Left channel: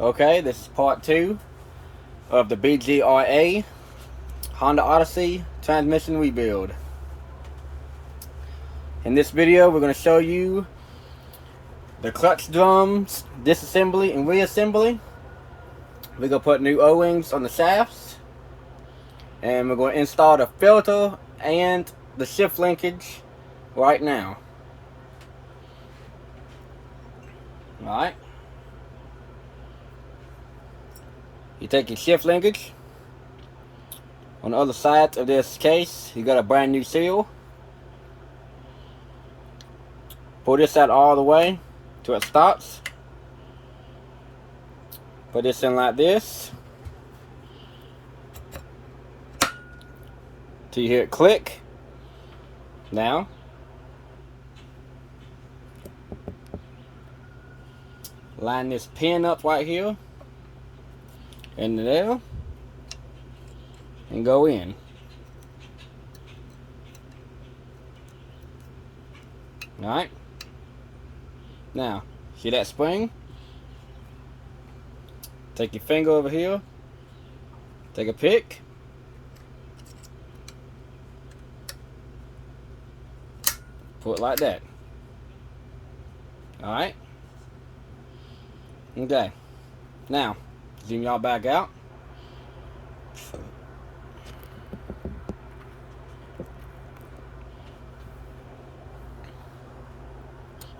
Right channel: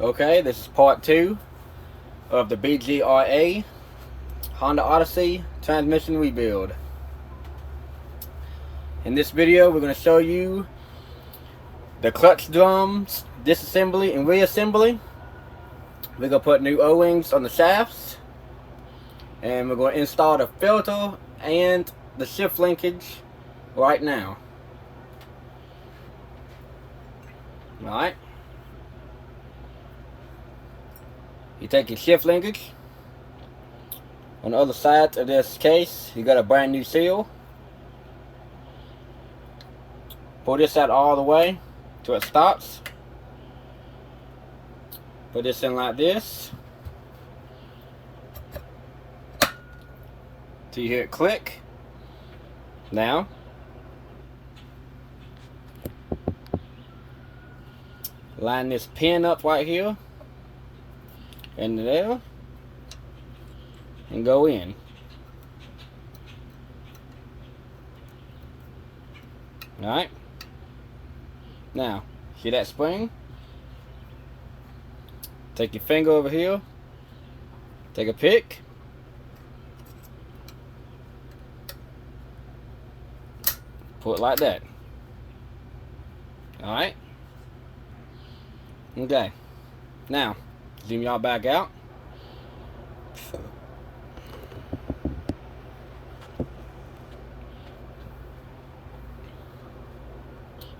Okay, this is part 2 of the BGRA Honda Odyssey transmission rebuild. In this video, we're going to show you the clutch drums disassembly and reassembly. We're going to put new O-rings on the shafts, and we're going to install the filter and the shift linkage right now. Alright. You take your shift linkage. On the other side of this case, you got a brand new seal. Pull this out all the way till it stops. Put this in like this. Till you hear it click. Now, line this pin up right here and there, and go in. Alright. Now, see that spring? Take your finger over here, take a pick, pull it like that. Alright? Okay. Now, zoom y'all back out.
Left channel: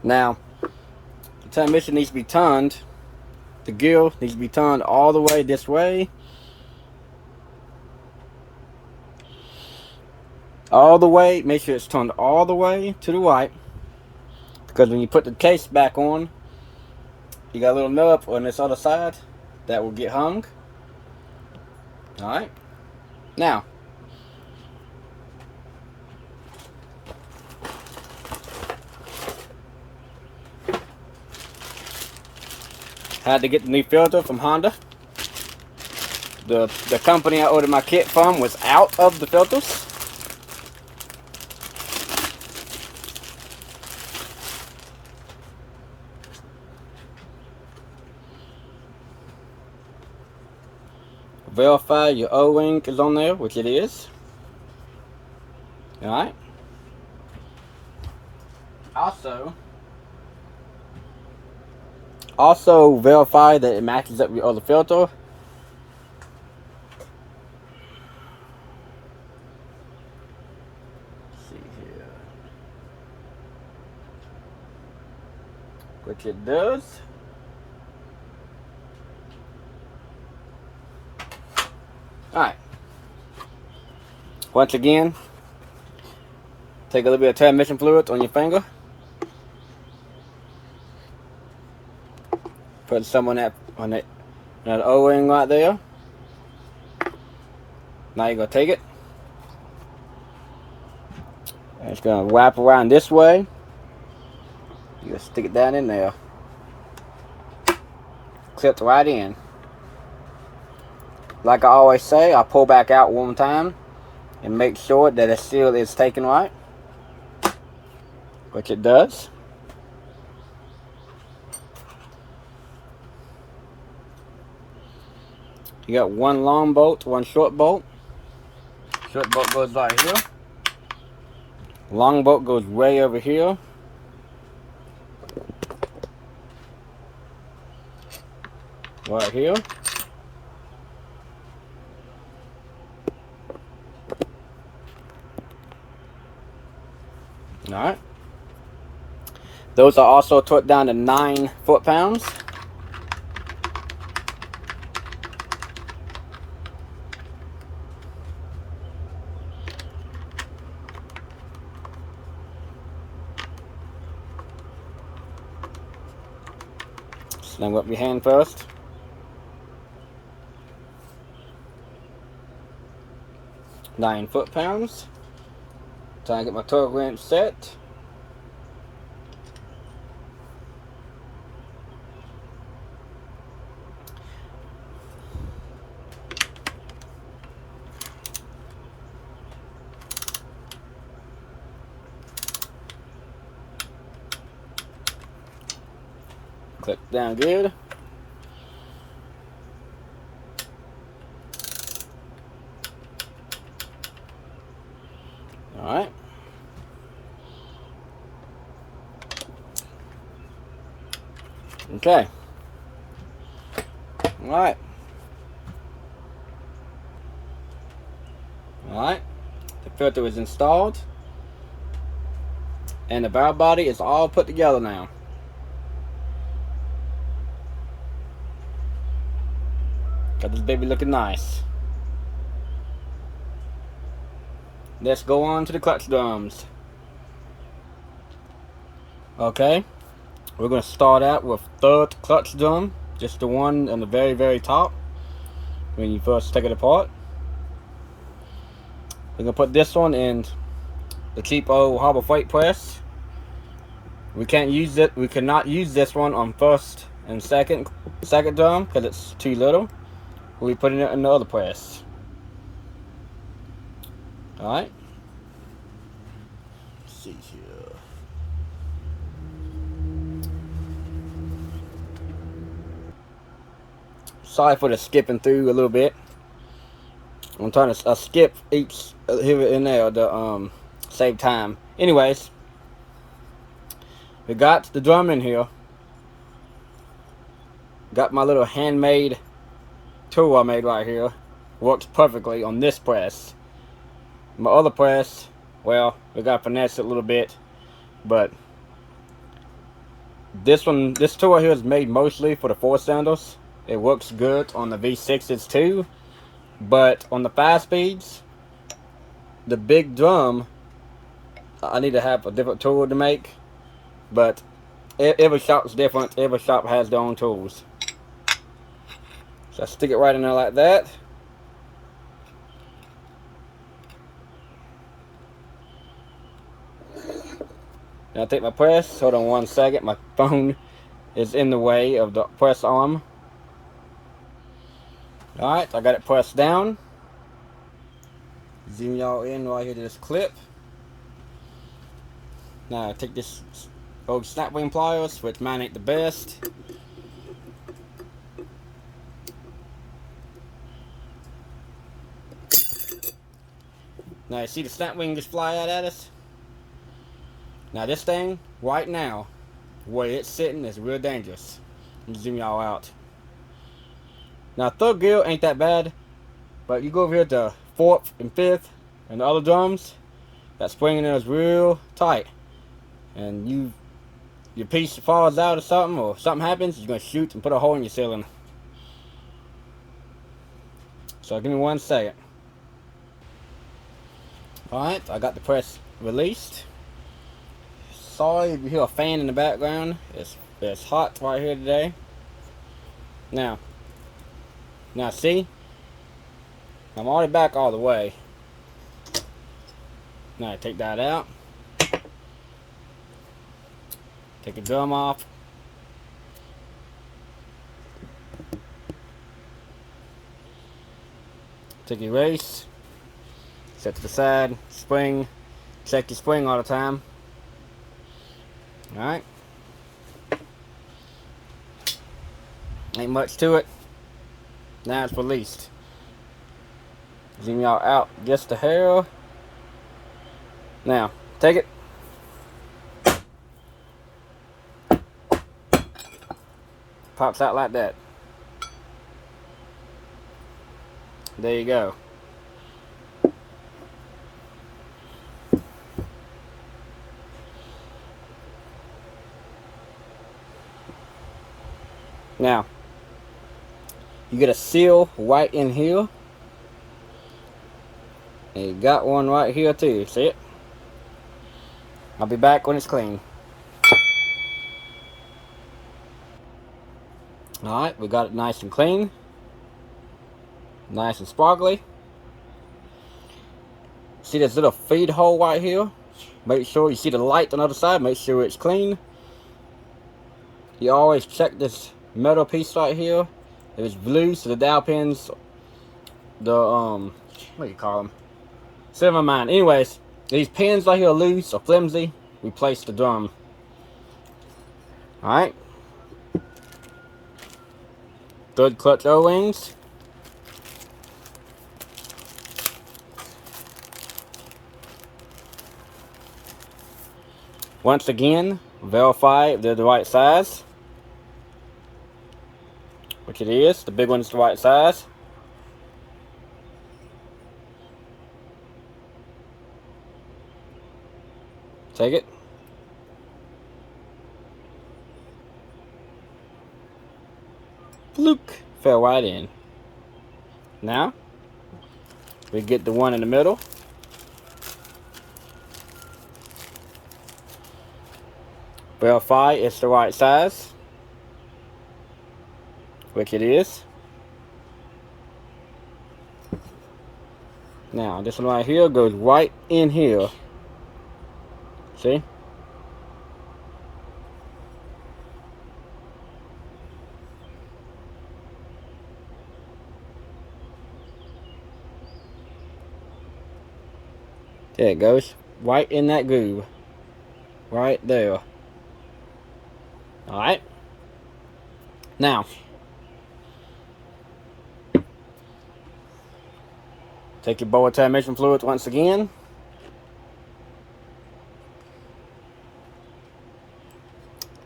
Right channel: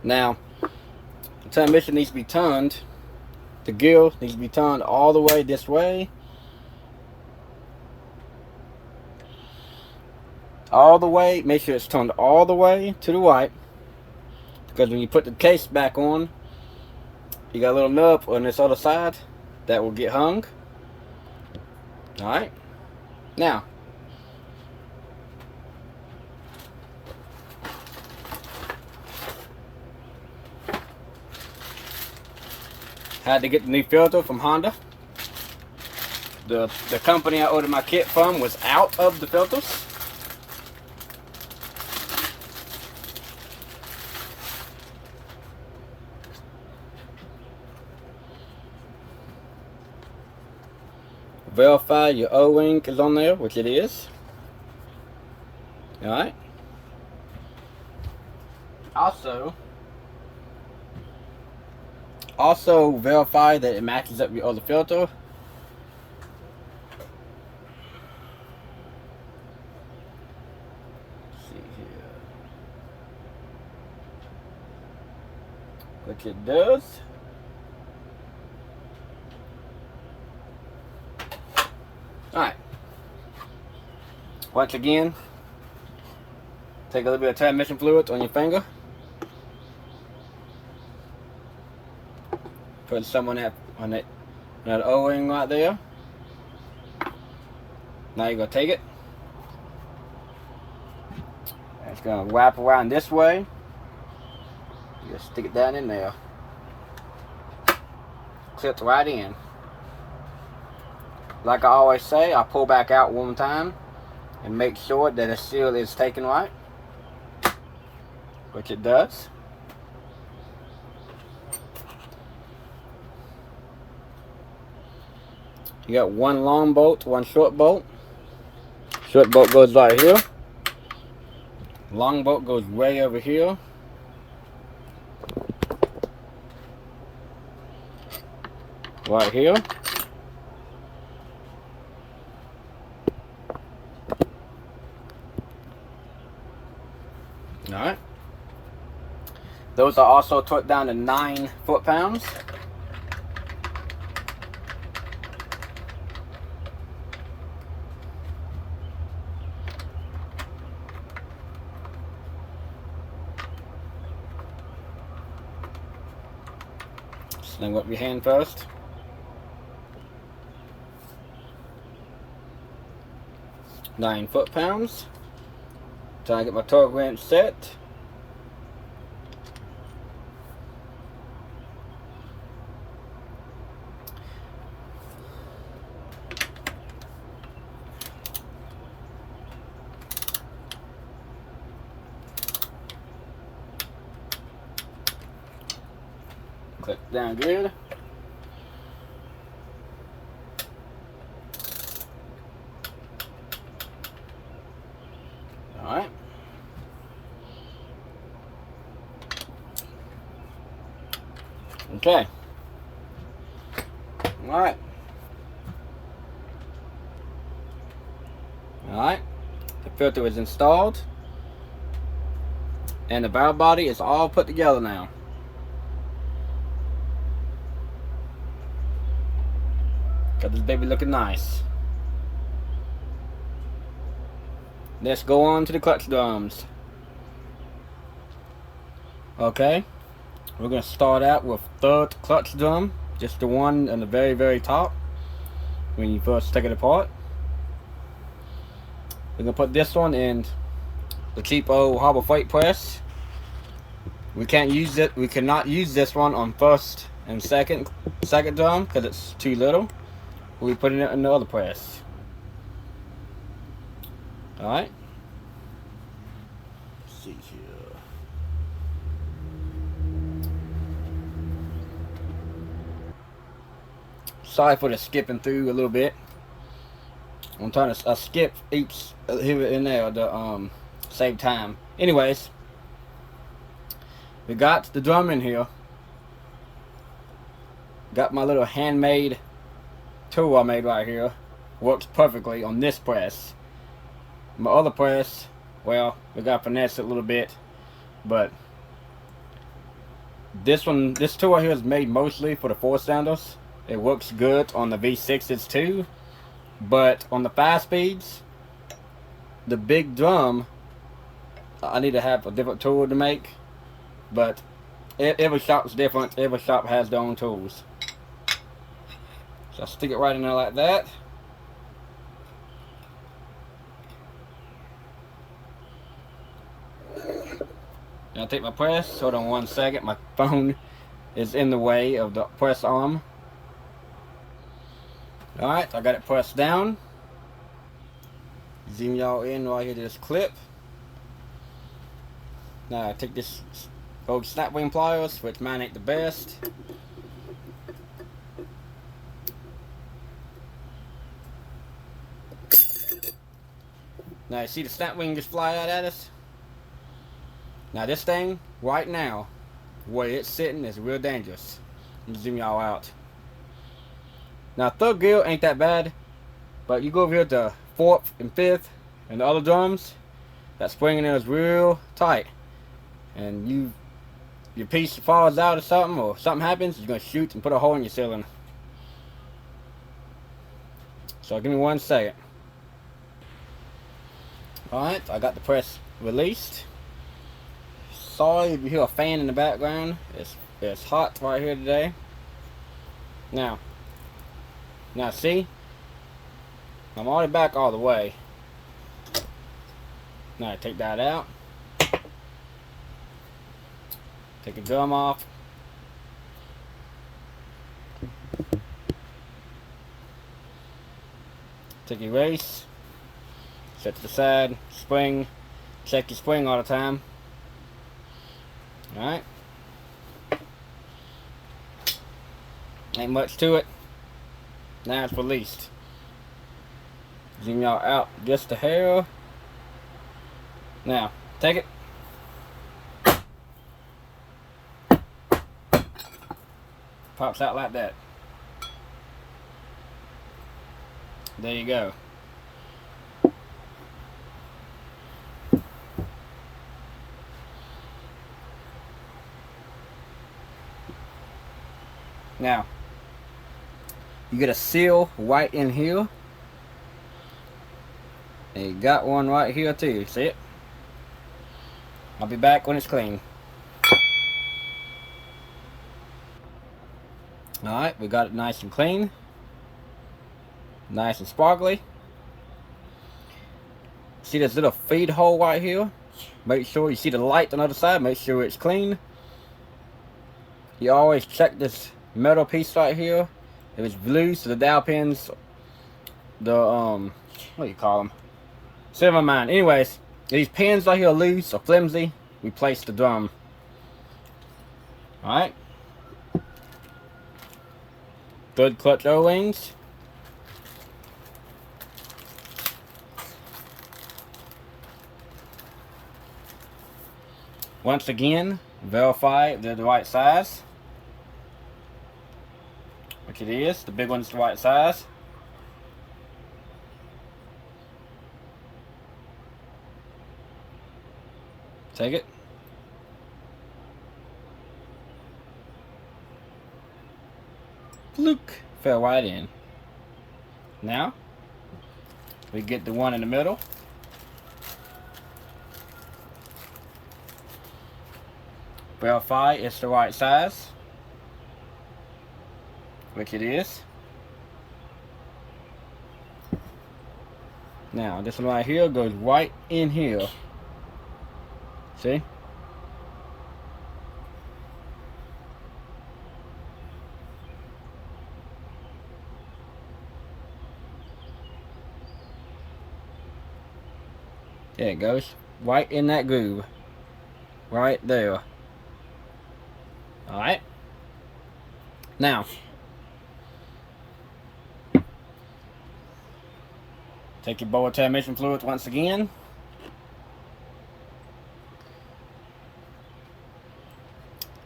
Now, the transmission needs to be turned. The gear needs to be turned all the way this way. All the way. Make sure it's turned all the way to the right. Because when you put the case back on, you got a little nub on this other side that will get hung. Alright. Now, had to get the new filter from Honda. The company I ordered my kit from was out of the filters. Verify your O-ring is on there, which it is. Alright. Also verify that it matches up with your other filter. Let's see here. Which it does. Alright. Once again, take a little bit of transmission fluid on your finger. Put some on that O-ring right there. Now you're gonna take it. And it's gonna wrap around this way. You're gonna stick it down in there. Clip right in. Like I always say, I pull back out one time and make sure that the seal is taken right, which it does. You got one long bolt, one short bolt. Short bolt goes right here. Long bolt goes way over here. Right here. Alright. Those are also torqued down to 9 foot-pounds. Sling up your hand first. Nine foot-pounds. Trying to get my torque wrench set. Clip down good. Okay. Alright. Alright. The filter is installed. And the valve body is all put together now. Got this baby looking nice. Let's go on to the clutch drums. Okay. We're going to start out with third clutch drum. Just the one on the very, very top. When you first take it apart. We're going to put this one in the cheap old Harbor Freight press. We can't use it. We cannot use this one on first and second drum because it's too little. We'll be putting it in the other press. Alright. Let's see here. Sorry for the skipping through a little bit. I'm trying to skip each here and there to save time. Anyways, we got the drum in here. Got my little handmade tool I made right here. Works perfectly on this press. My other press, well, we got to finesse it a little bit, but this tool here is made mostly for the 4-cylinders. It works good on the V6s too, but on the 5-speeds, the big drum, I need to have a different tool to make. But every shop's different. Every shop has their own tools. So I stick it right in there like that. Now I take my press. Hold on one second. My phone is in the way of the press arm. Alright, I got it pressed down. Zoom y'all in right here to this clip. Now I take this old snap wing pliers, which mine ain't the best. Now you see the snap wing just fly out at us? Now this thing, right now, where it's sitting is real dangerous. Let me zoom y'all out. Now third gear ain't that bad, but you go over here to 4th and 5th and the other drums, that spring in there is real tight. And your piece falls out or something happens, you're going to shoot and put a hole in your ceiling. So give me 1 second. Alright, I got the press released. Sorry if you hear a fan in the background. It's hot right here today. Now see? I'm already back all the way. Now take that out. Take the drum off. Take your race. Set to the side. Spring. Check your spring all the time. Alright. Ain't much to it. Now it's released. Zoom y'all out just a hair. Now, take it. Pops out like that. There you go. Now, you get a seal right in here. And you got one right here too. See it? I'll be back when it's clean. Alright, we got it nice and clean. Nice and sparkly. See this little feed hole right here? Make sure you see the light on the other side. Make sure it's clean. You always check this metal piece right here. If it's blue, so the dowel pins, the what do you call them? Never mind. Anyways, these pins right here are loose or flimsy. Replace the drum. Alright. Third clutch O-rings. Once again, verify if they're the right size. which it is. The big one's the right size. Take it. Fluke. Fell right in. Now, we get the one in the middle. Verify it's the right size, which it is. Now, this one right here goes right in here. See? There it goes. Right in that groove. Right there. Alright. Now, take your bowl of transmission fluid once again.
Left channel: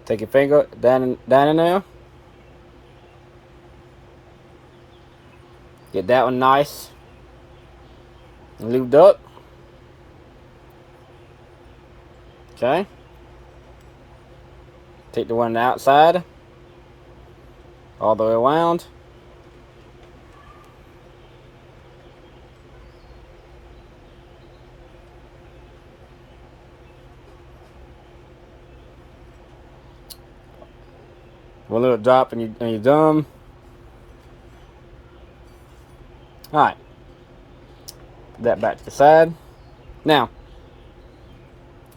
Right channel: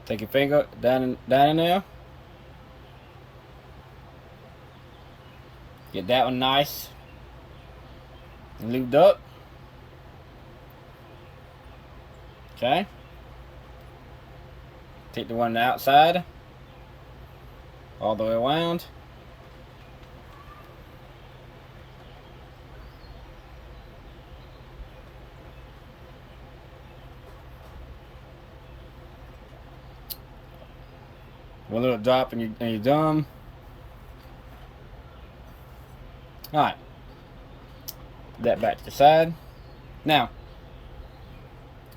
Take your finger down in there. Get that one nice and lubed up. Okay. Take the one on the outside all the way around. One little drop and you're done. Alright. Put that back to the side. Now,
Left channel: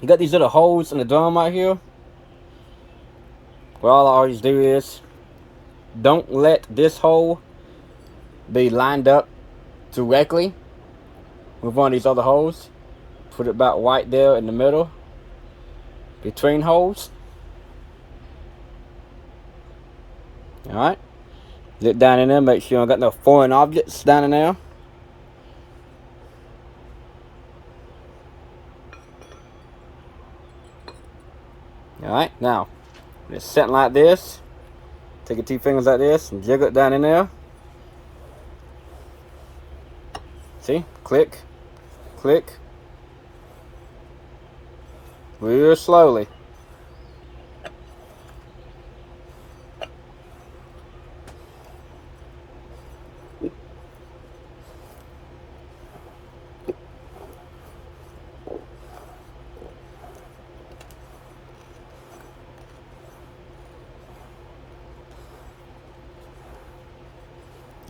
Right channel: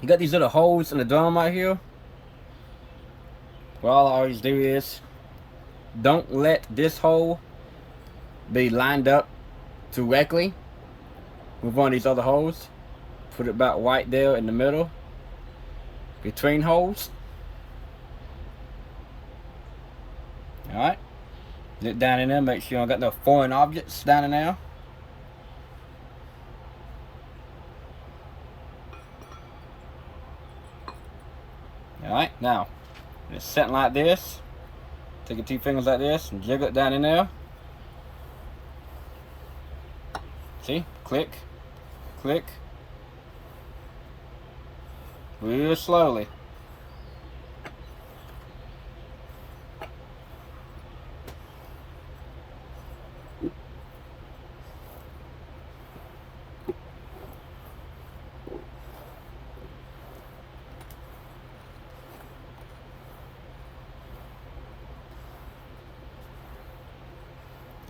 you got these little holes in the drum right here. What all I always do is, don't let this hole be lined up directly with one of these other holes. Put it about right there in the middle between holes. Alright. Get down in there, make sure you don't got no foreign objects down in there. Alright, now it's sitting like this. Take your two fingers like this and jiggle it down in there. See? Click, click. Real slowly.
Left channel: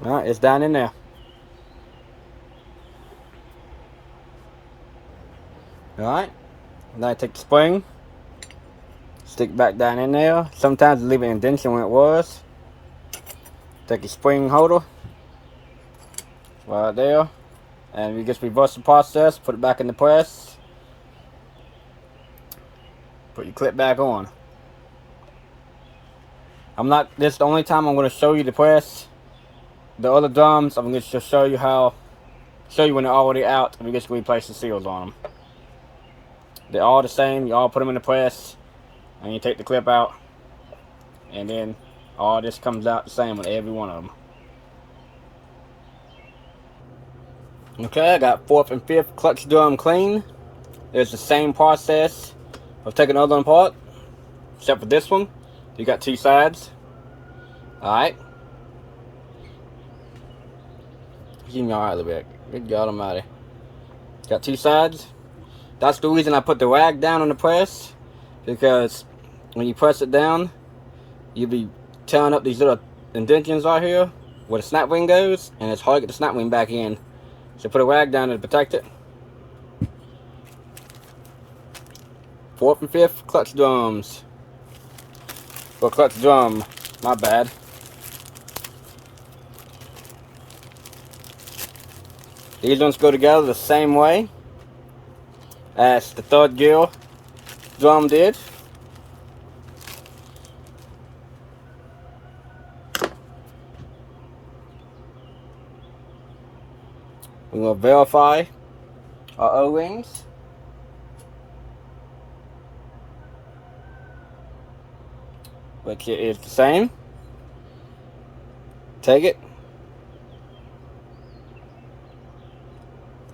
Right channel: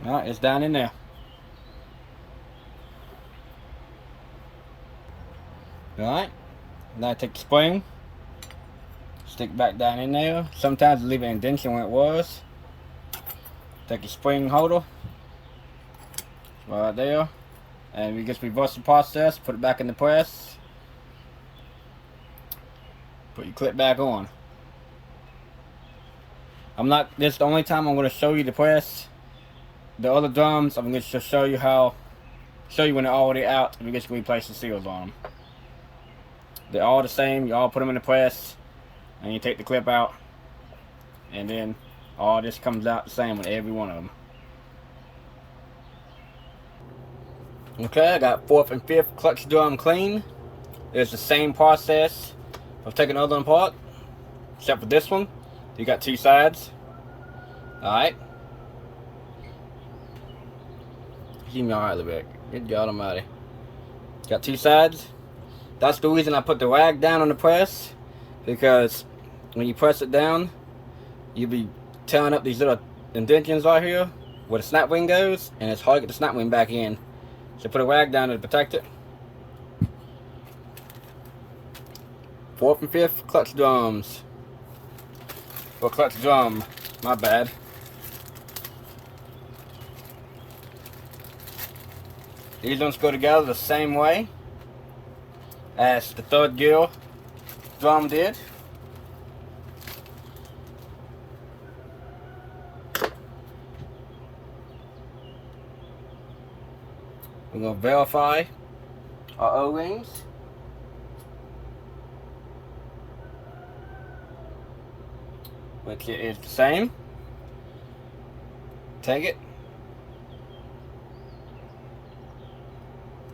Alright, it's down in there. Alright, now take the spring, stick it back down in there. Sometimes leave an indentation where it was. Take your spring holder, right there, and we just reverse the process, put it back in the press. Put your clip back on. This is the only time I'm going to show you the press. The other drums, I'm going to show you when they're already out, and we're just going to replace the seals on them. They're all the same. You all put them in the press, and you take the clip out, and then all this comes out the same with every one of them. Okay, I got 4th and 5th clutch drum clean. It's the same process of taking the other one apart, except for this one. You got two sides. Alright. Keep me alright a little bit. Good God Almighty. Got two sides. That's the reason I put the rag down on the press, because when you press it down, you'll be tearing up these little indentions right here where the snap ring goes, and it's hard to get the snap ring back in. So put a rag down to protect it. 4th and 5th clutch drums. Or clutch drum, my bad. These ones go together the same way as the 3rd gear drum did. We're going to verify our O-rings. Which is the same. take it,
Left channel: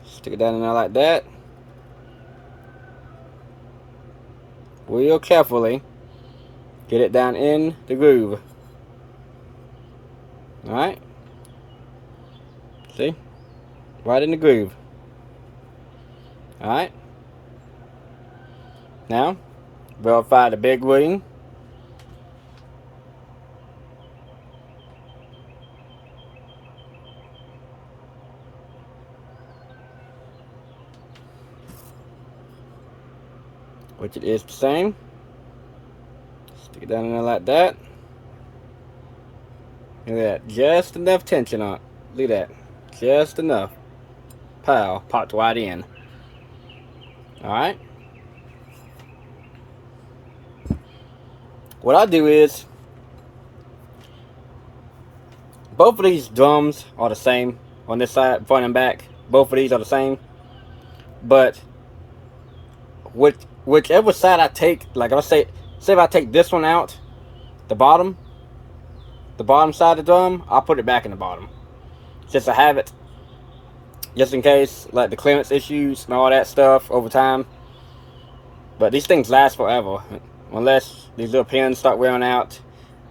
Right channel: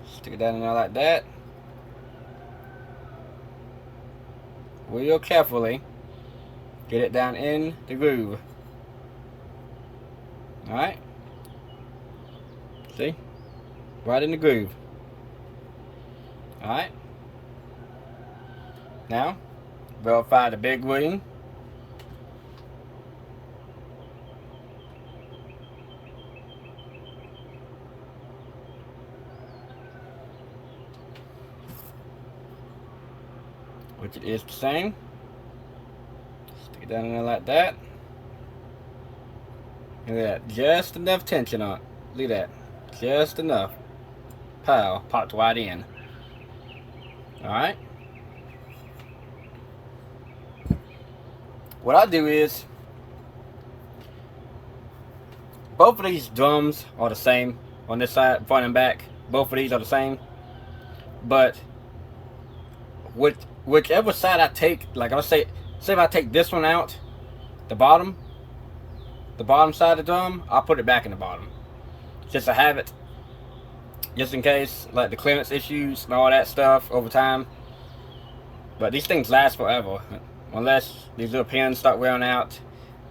stick it down in there like that. Real carefully get it down in the groove. Alright, see, right in the groove. Alright, now verify the big wing. Which it is the same. Stick it down in there like that. Look at that, just enough tension on it. Look at that, just enough. Pow, popped right in. Alright. What I do is, both of these drums are the same on this side, front and back. Both of these are the same. But whichever side I take, like if I say if I take this one out, the bottom side of the drum, I'll put it back in the bottom. Just to have it, just in case, like the clearance issues and all that stuff over time. But these things last forever, unless these little pins start wearing out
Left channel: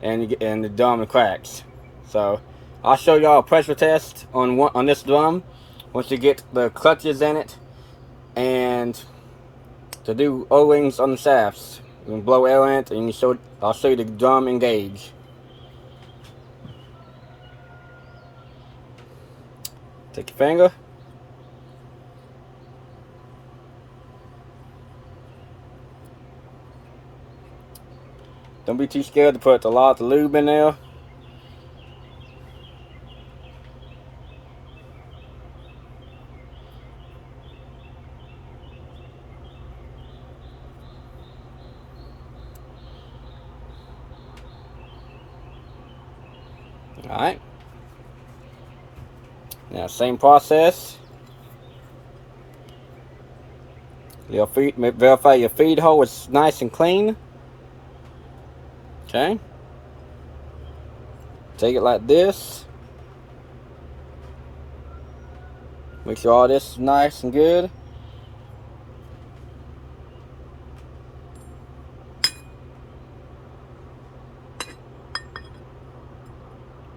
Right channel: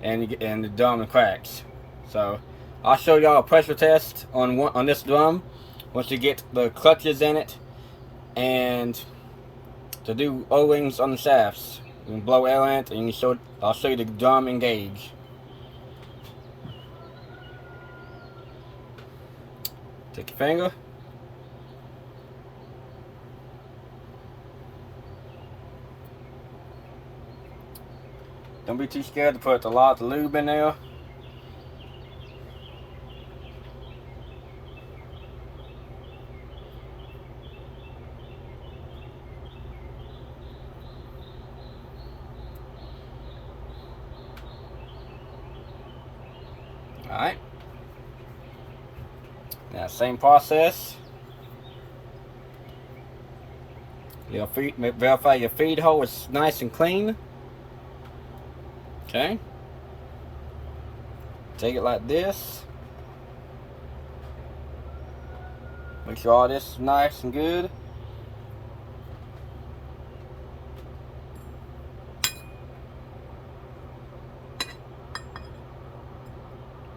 and the drum cracks. So I'll show y'all a pressure test on this drum once you get the clutches in it, and to do O-rings on the shafts. You can blow air in it, and I'll show you the drum engage. Take your finger. Don't be too scared to put a lot of lube in there. Alright. Now, same process. Verify your feed hole is nice and clean. Okay. Take it like this. Make sure all this is nice and good.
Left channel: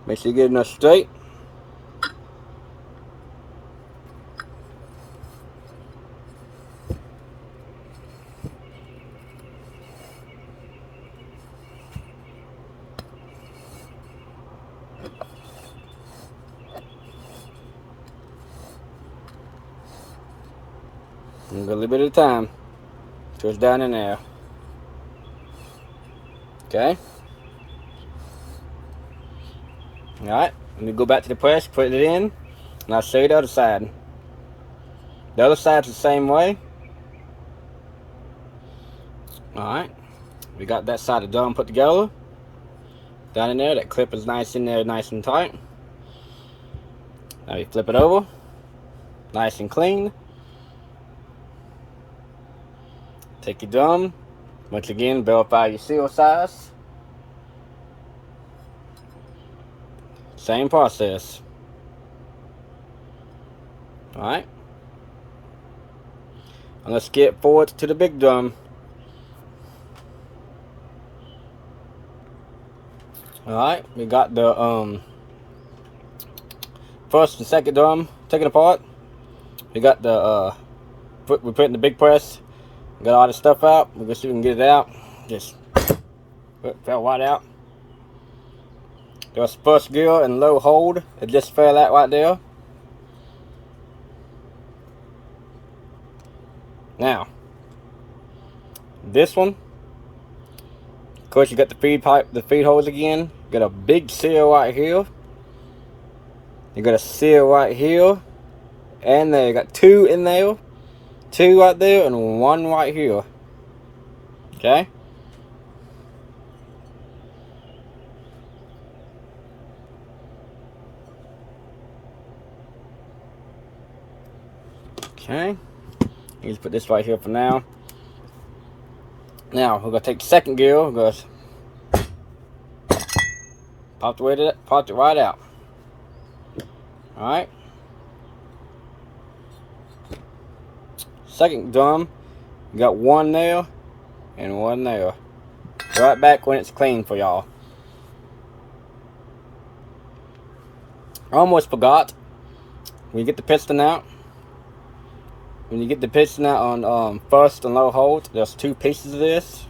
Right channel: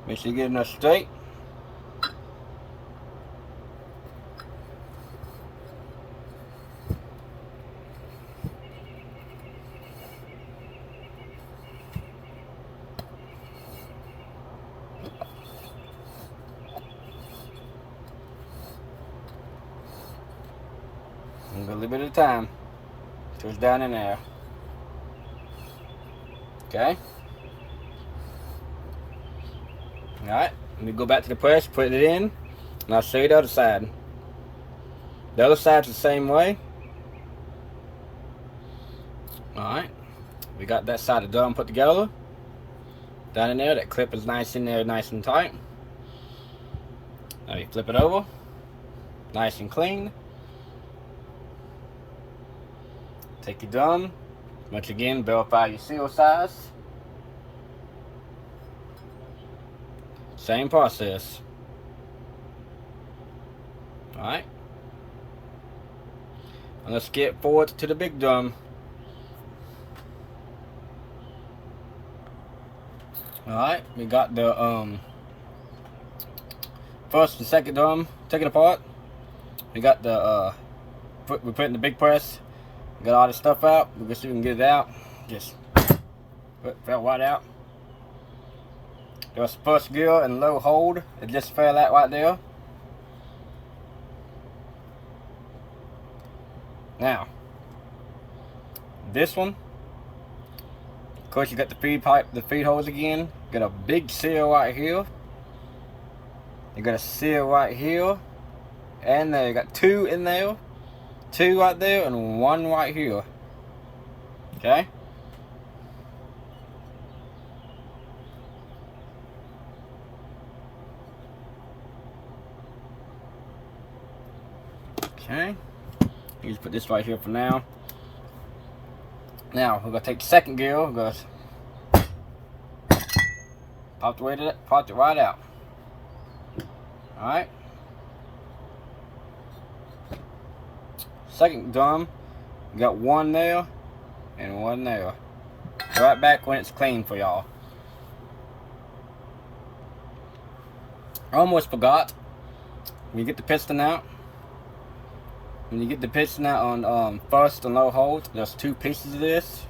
Make sure you get enough straight. A little bit at a time till it's down in there. Okay. Alright, let me go back to the press, put it in, and I'll show you the other side. The other side's the same way. Alright, we got that side of the drum put together. Down in there, that clip is nice in there, nice and tight. Now you flip it over, nice and clean. Take your drum, once again, verify your seal size. Same process. Alright. And let's get forward to the big drum. Alright, we got the first and second drum taken apart. We got the we're putting the big press. Got all the stuff out. We're gonna see if we can get it out. Just fell right out. There's first gear and low hold. It just fell out right there. Now, this one, of course, you got the feed pipe, the feed holes again. Got a big seal right here. You got a seal right here, and there. You got two in there, two right there, and one right here. Okay. Okay. You just put this right here for now. Now we're gonna take the second gear. We're gonna pop it right out. Alright. Second drum, you got one there and one there. Right back when it's clean for y'all. I almost forgot. When you get the piston out, on first and low hold, there's two pieces of this.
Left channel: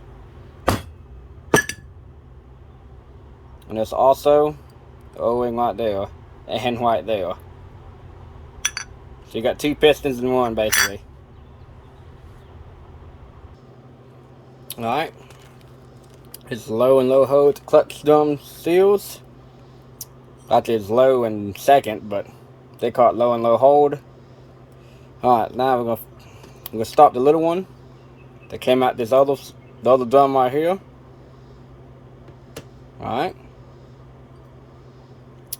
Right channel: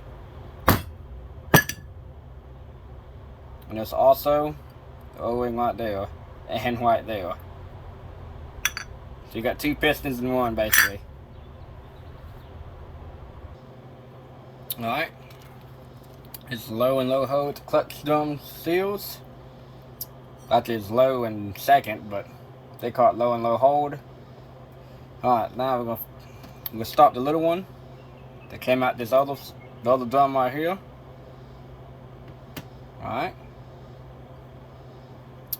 And there's also the O-ring right there and right there. So you got two pistons in one basically. Alright. It's low and low hold clutch drum seals. Actually it's low and second, but they call it low and low hold. Alright, now we're gonna stop the little one that came out the other drum right here. Alright.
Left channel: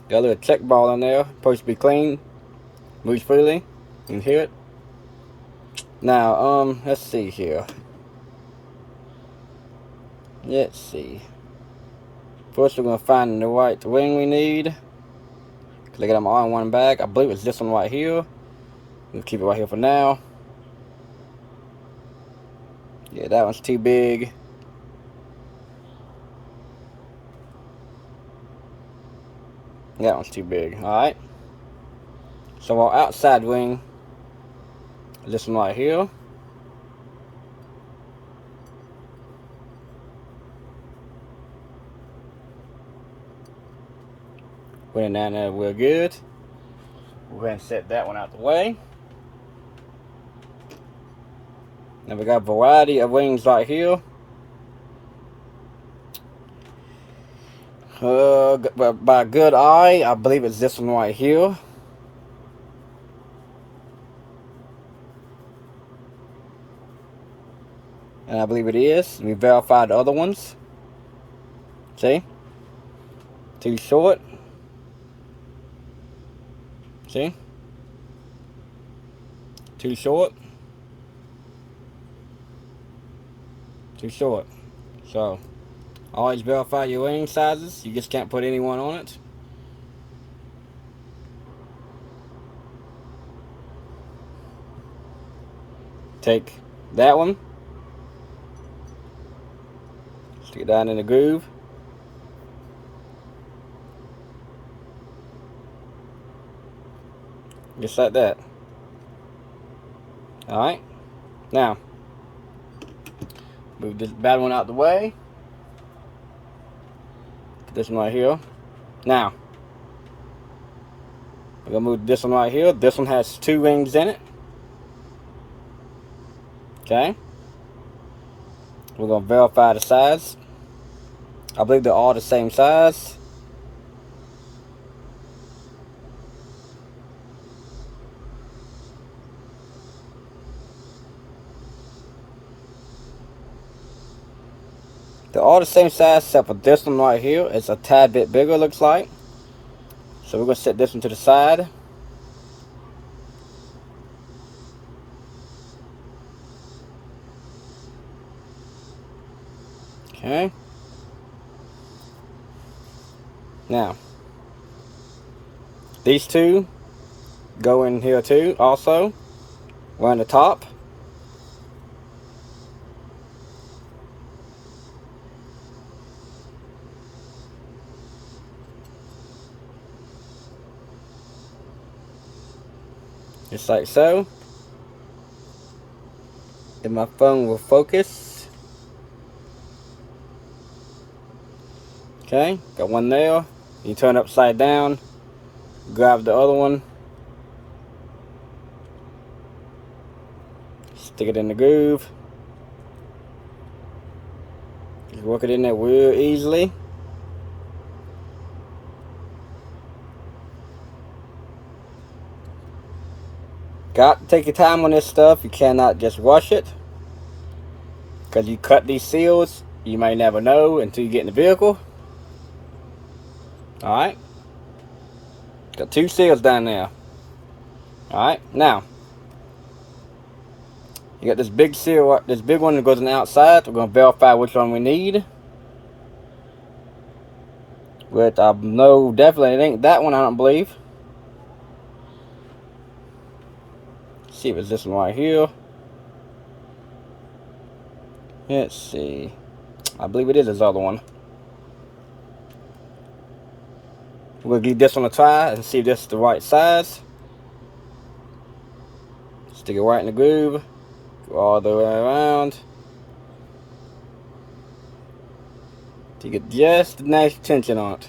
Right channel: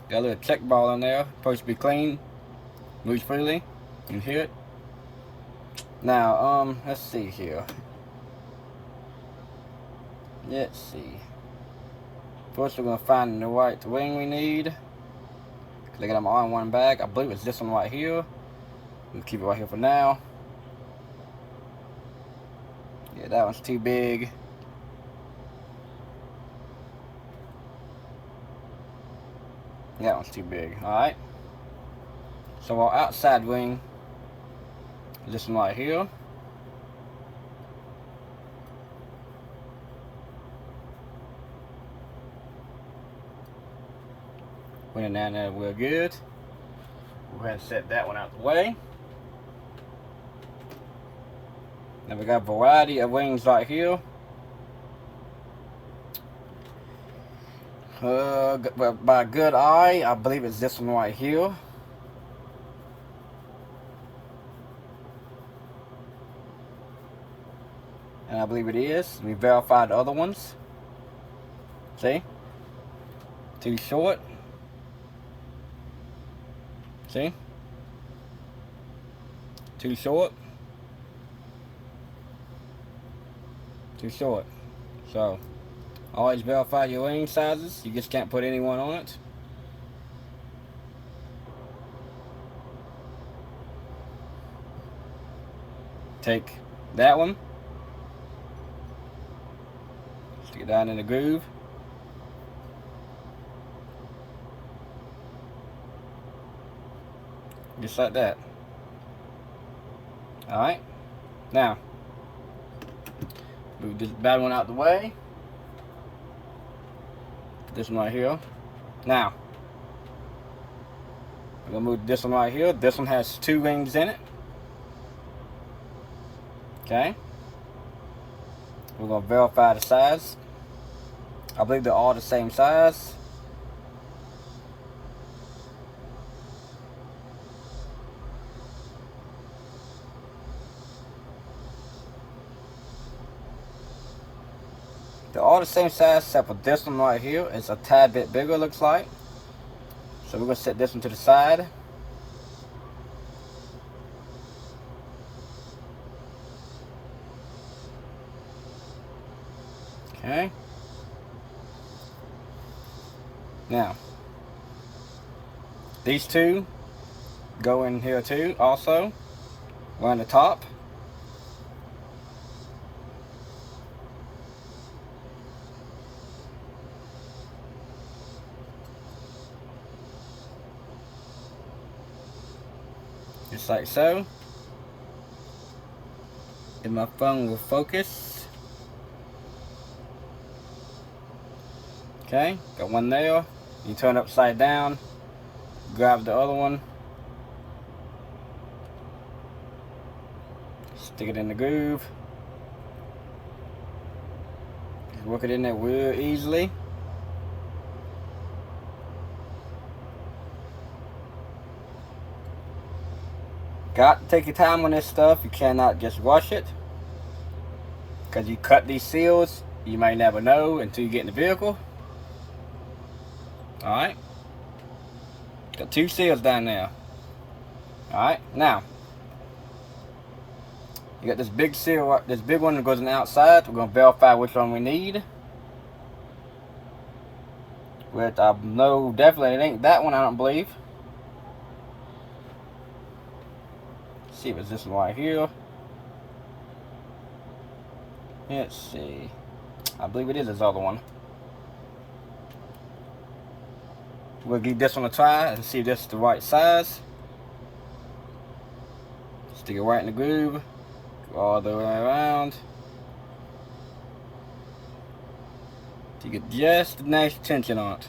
Got a little check ball in there, supposed to be clean. Moves freely. You can hear it. Now, let's see here. Let's see. First we're gonna find the right wing we need. Cause I got my all-in-one bag. I believe it's this one right here. We'll keep it right here for now. Yeah, that one's too big. That one's too big. Alright. So our outside wing is this one right here. Put it down there real good. We'll go ahead and set that one out the way. Now we got a variety of wings right here. By a good eye, I believe it's this one right here. And I believe it is. We verified the other ones. See? Too short. See? Too short. Too short. So, always verify your wing sizes. You just can't put anyone on it. Take that one. Stick it down in the groove. Just like that. Alright. Now, move this bad one out the way. Put this one right here. Now, we're going to move this one right here. This one has two wings in it. Okay. We're going to verify the size. I believe they're all the same size. They're all the same size except for this one right here. It's a tad bit bigger, looks like. So we're going to set this one to the side. Okay. Now, these two go in here too, also. We're on the top. Just like so. Then my phone will focus. Okay, got one there. You turn upside down, grab the other one, stick it in the groove. You work it in there real easily. Got to take your time on this stuff. You cannot just rush it. Because you cut these seals, you may never know until you get in the vehicle. Alright. Got two seals down there. Alright, now. You got this big seal, this big one that goes on the outside. We're going to verify which one we need. Which I know definitely it ain't that one, I don't believe. See if it's this one right here. Let's see. I believe it is this other one. We'll give this one a try and see if this is the right size. Stick it right in the groove. Go all the way around. To get just a nice tension on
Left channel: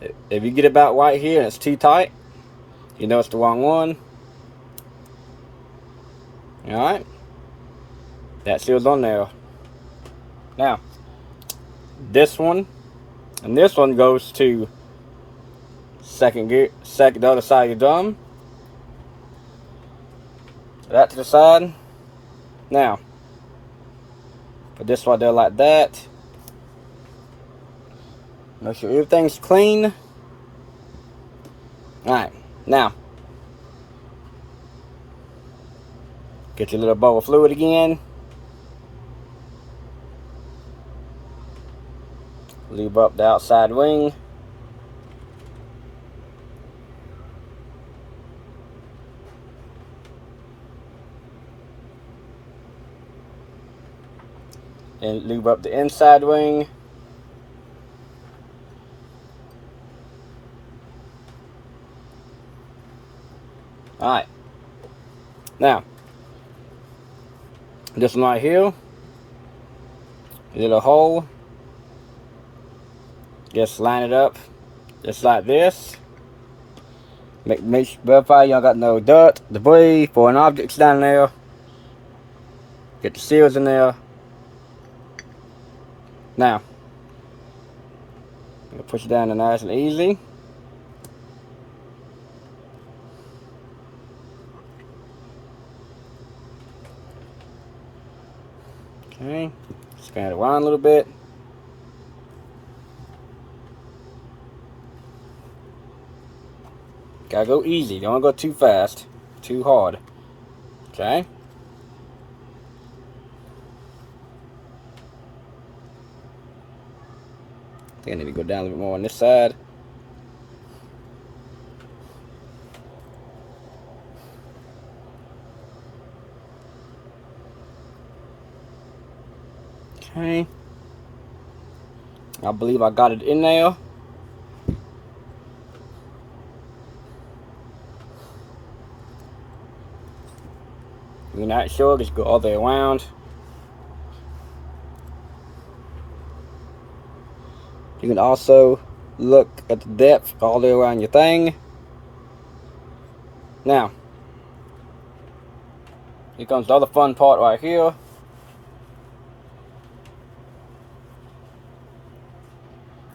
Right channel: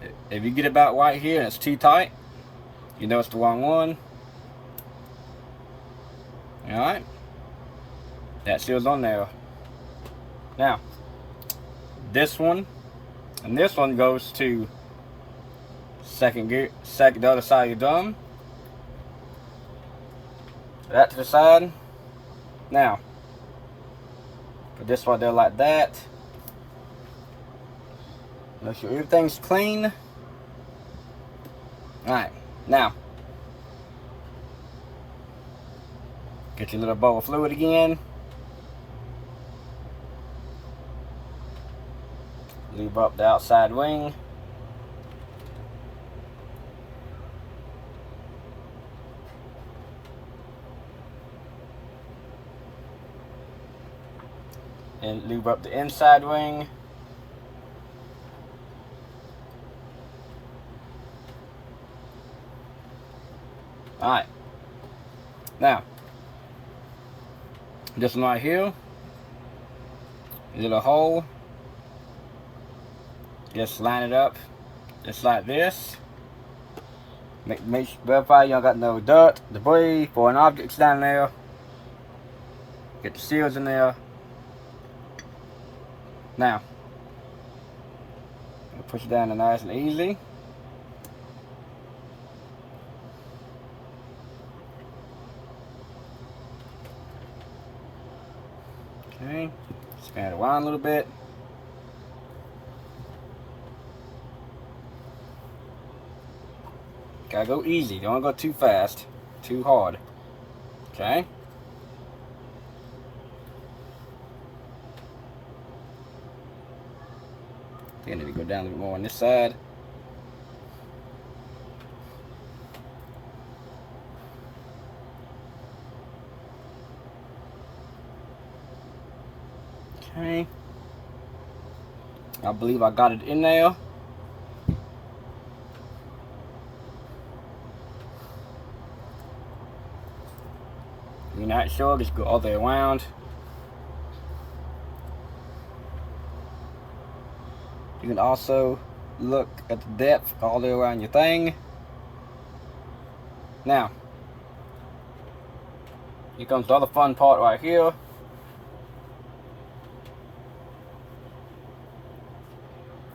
it. If you get about right here and it's too tight, you know it's the wrong one. Alright. That seal's on there. Now, this one and this one goes to second gear, the other side of your drum. That to the side. Now, put this right there like that. Make sure everything's clean. Alright, now get your little bowl of fluid again. Lube up the outside wing. And lube up the inside wing. Alright. Now, this one right here, a little hole. Just line it up, just like this. Verify y'all got no dirt, debris, foreign objects down there. Get the seals in there. Now, push it down there nice and easy. Okay, spin it around a little bit. Gotta go easy, don't go too fast, too hard. Okay. I think I need to go down a little bit more on this side. Okay. I believe I got it in there. If you're not sure, just go all the way around. You can also look at the depth all the way around your thing. Now, here comes the other fun part right here.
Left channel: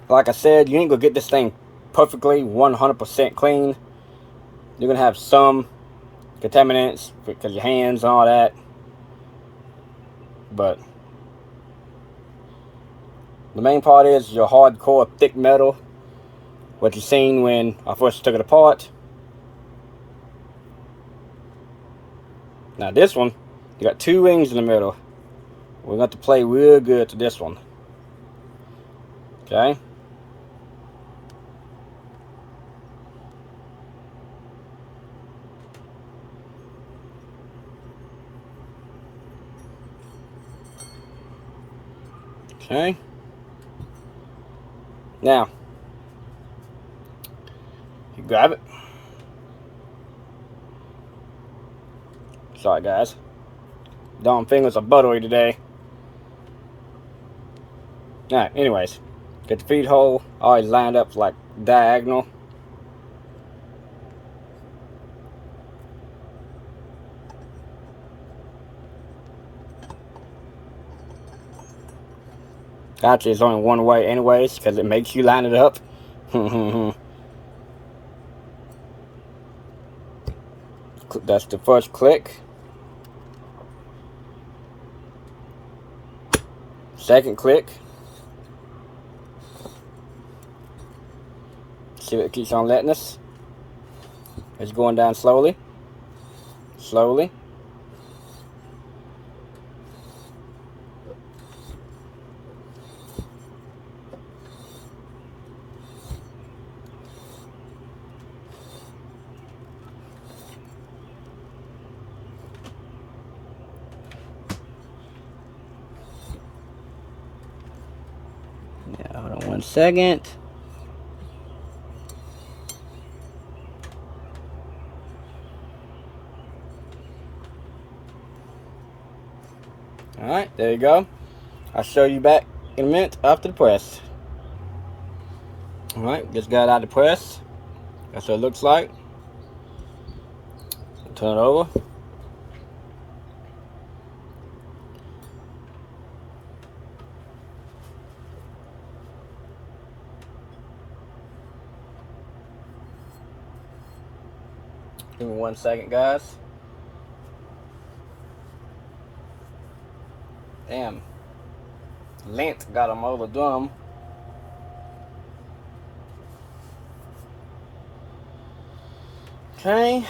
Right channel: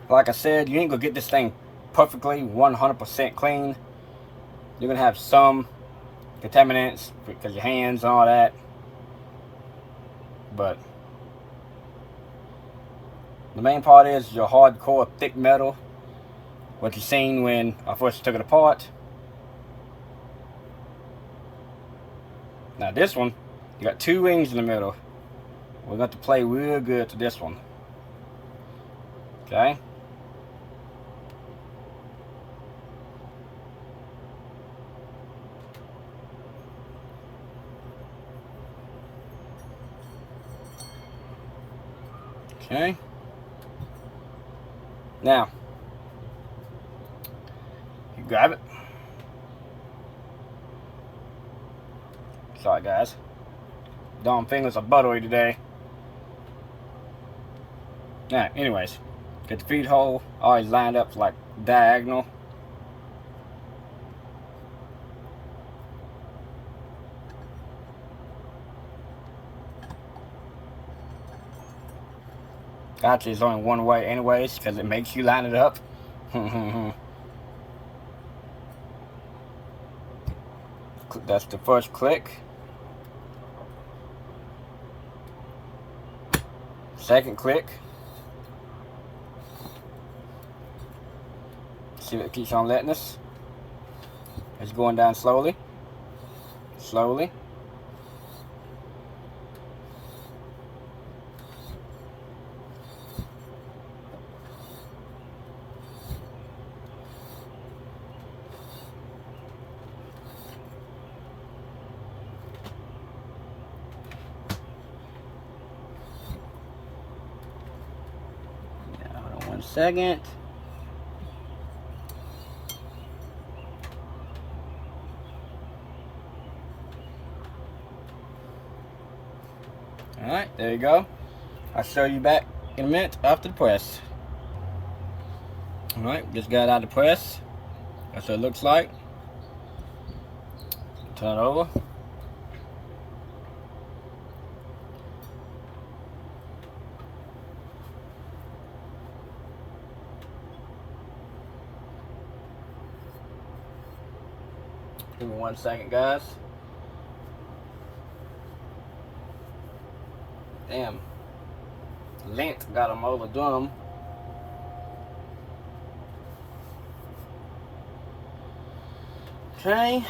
Like I said, you ain't gonna get this thing perfectly 100% clean. You're gonna have some contaminants because your hands and all that. But the main part is your hardcore thick metal, what you seen when I first took it apart. Now this one, you got two rings in the middle. We're going to play real good to this one. Okay. Okay. Now, you grab it. Sorry guys. Dumb fingers are buttery today. Alright, anyways. Get the feed hole always lined up like diagonal. Actually, it's only one way anyways, because it makes you line it up. That's the first click. Second click. See if it keeps on letting us. It's going down slowly. Slowly. 1 second. Alright, there you go. I'll show you back in a minute after the press. Alright, just got out of the press. That's what it looks like. Turn it over. Give me 1 second, guys. Damn. Lint got them all the drum. Okay.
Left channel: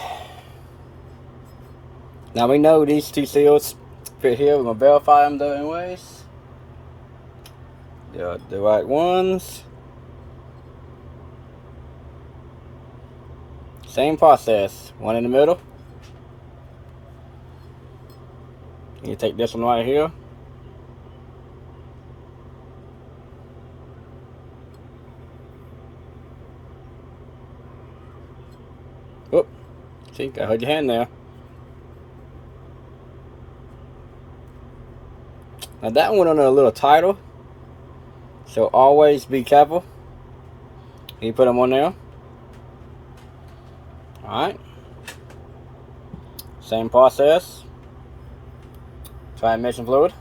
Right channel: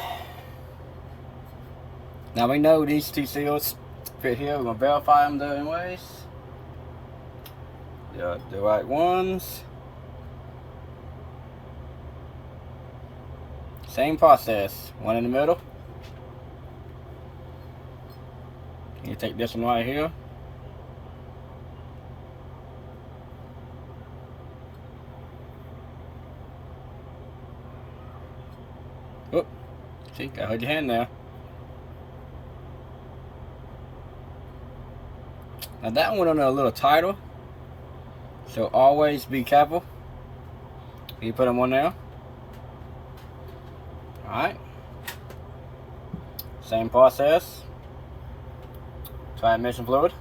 Now we know these two seals fit here. We're gonna verify them though anyways. They're the right ones. Same process. One in the middle. You take this one right here. Oh, see, gotta hold your hand there. Now that one on a little tighter, so always be careful. You put them on there. Alright. Same process. Transmission fluid.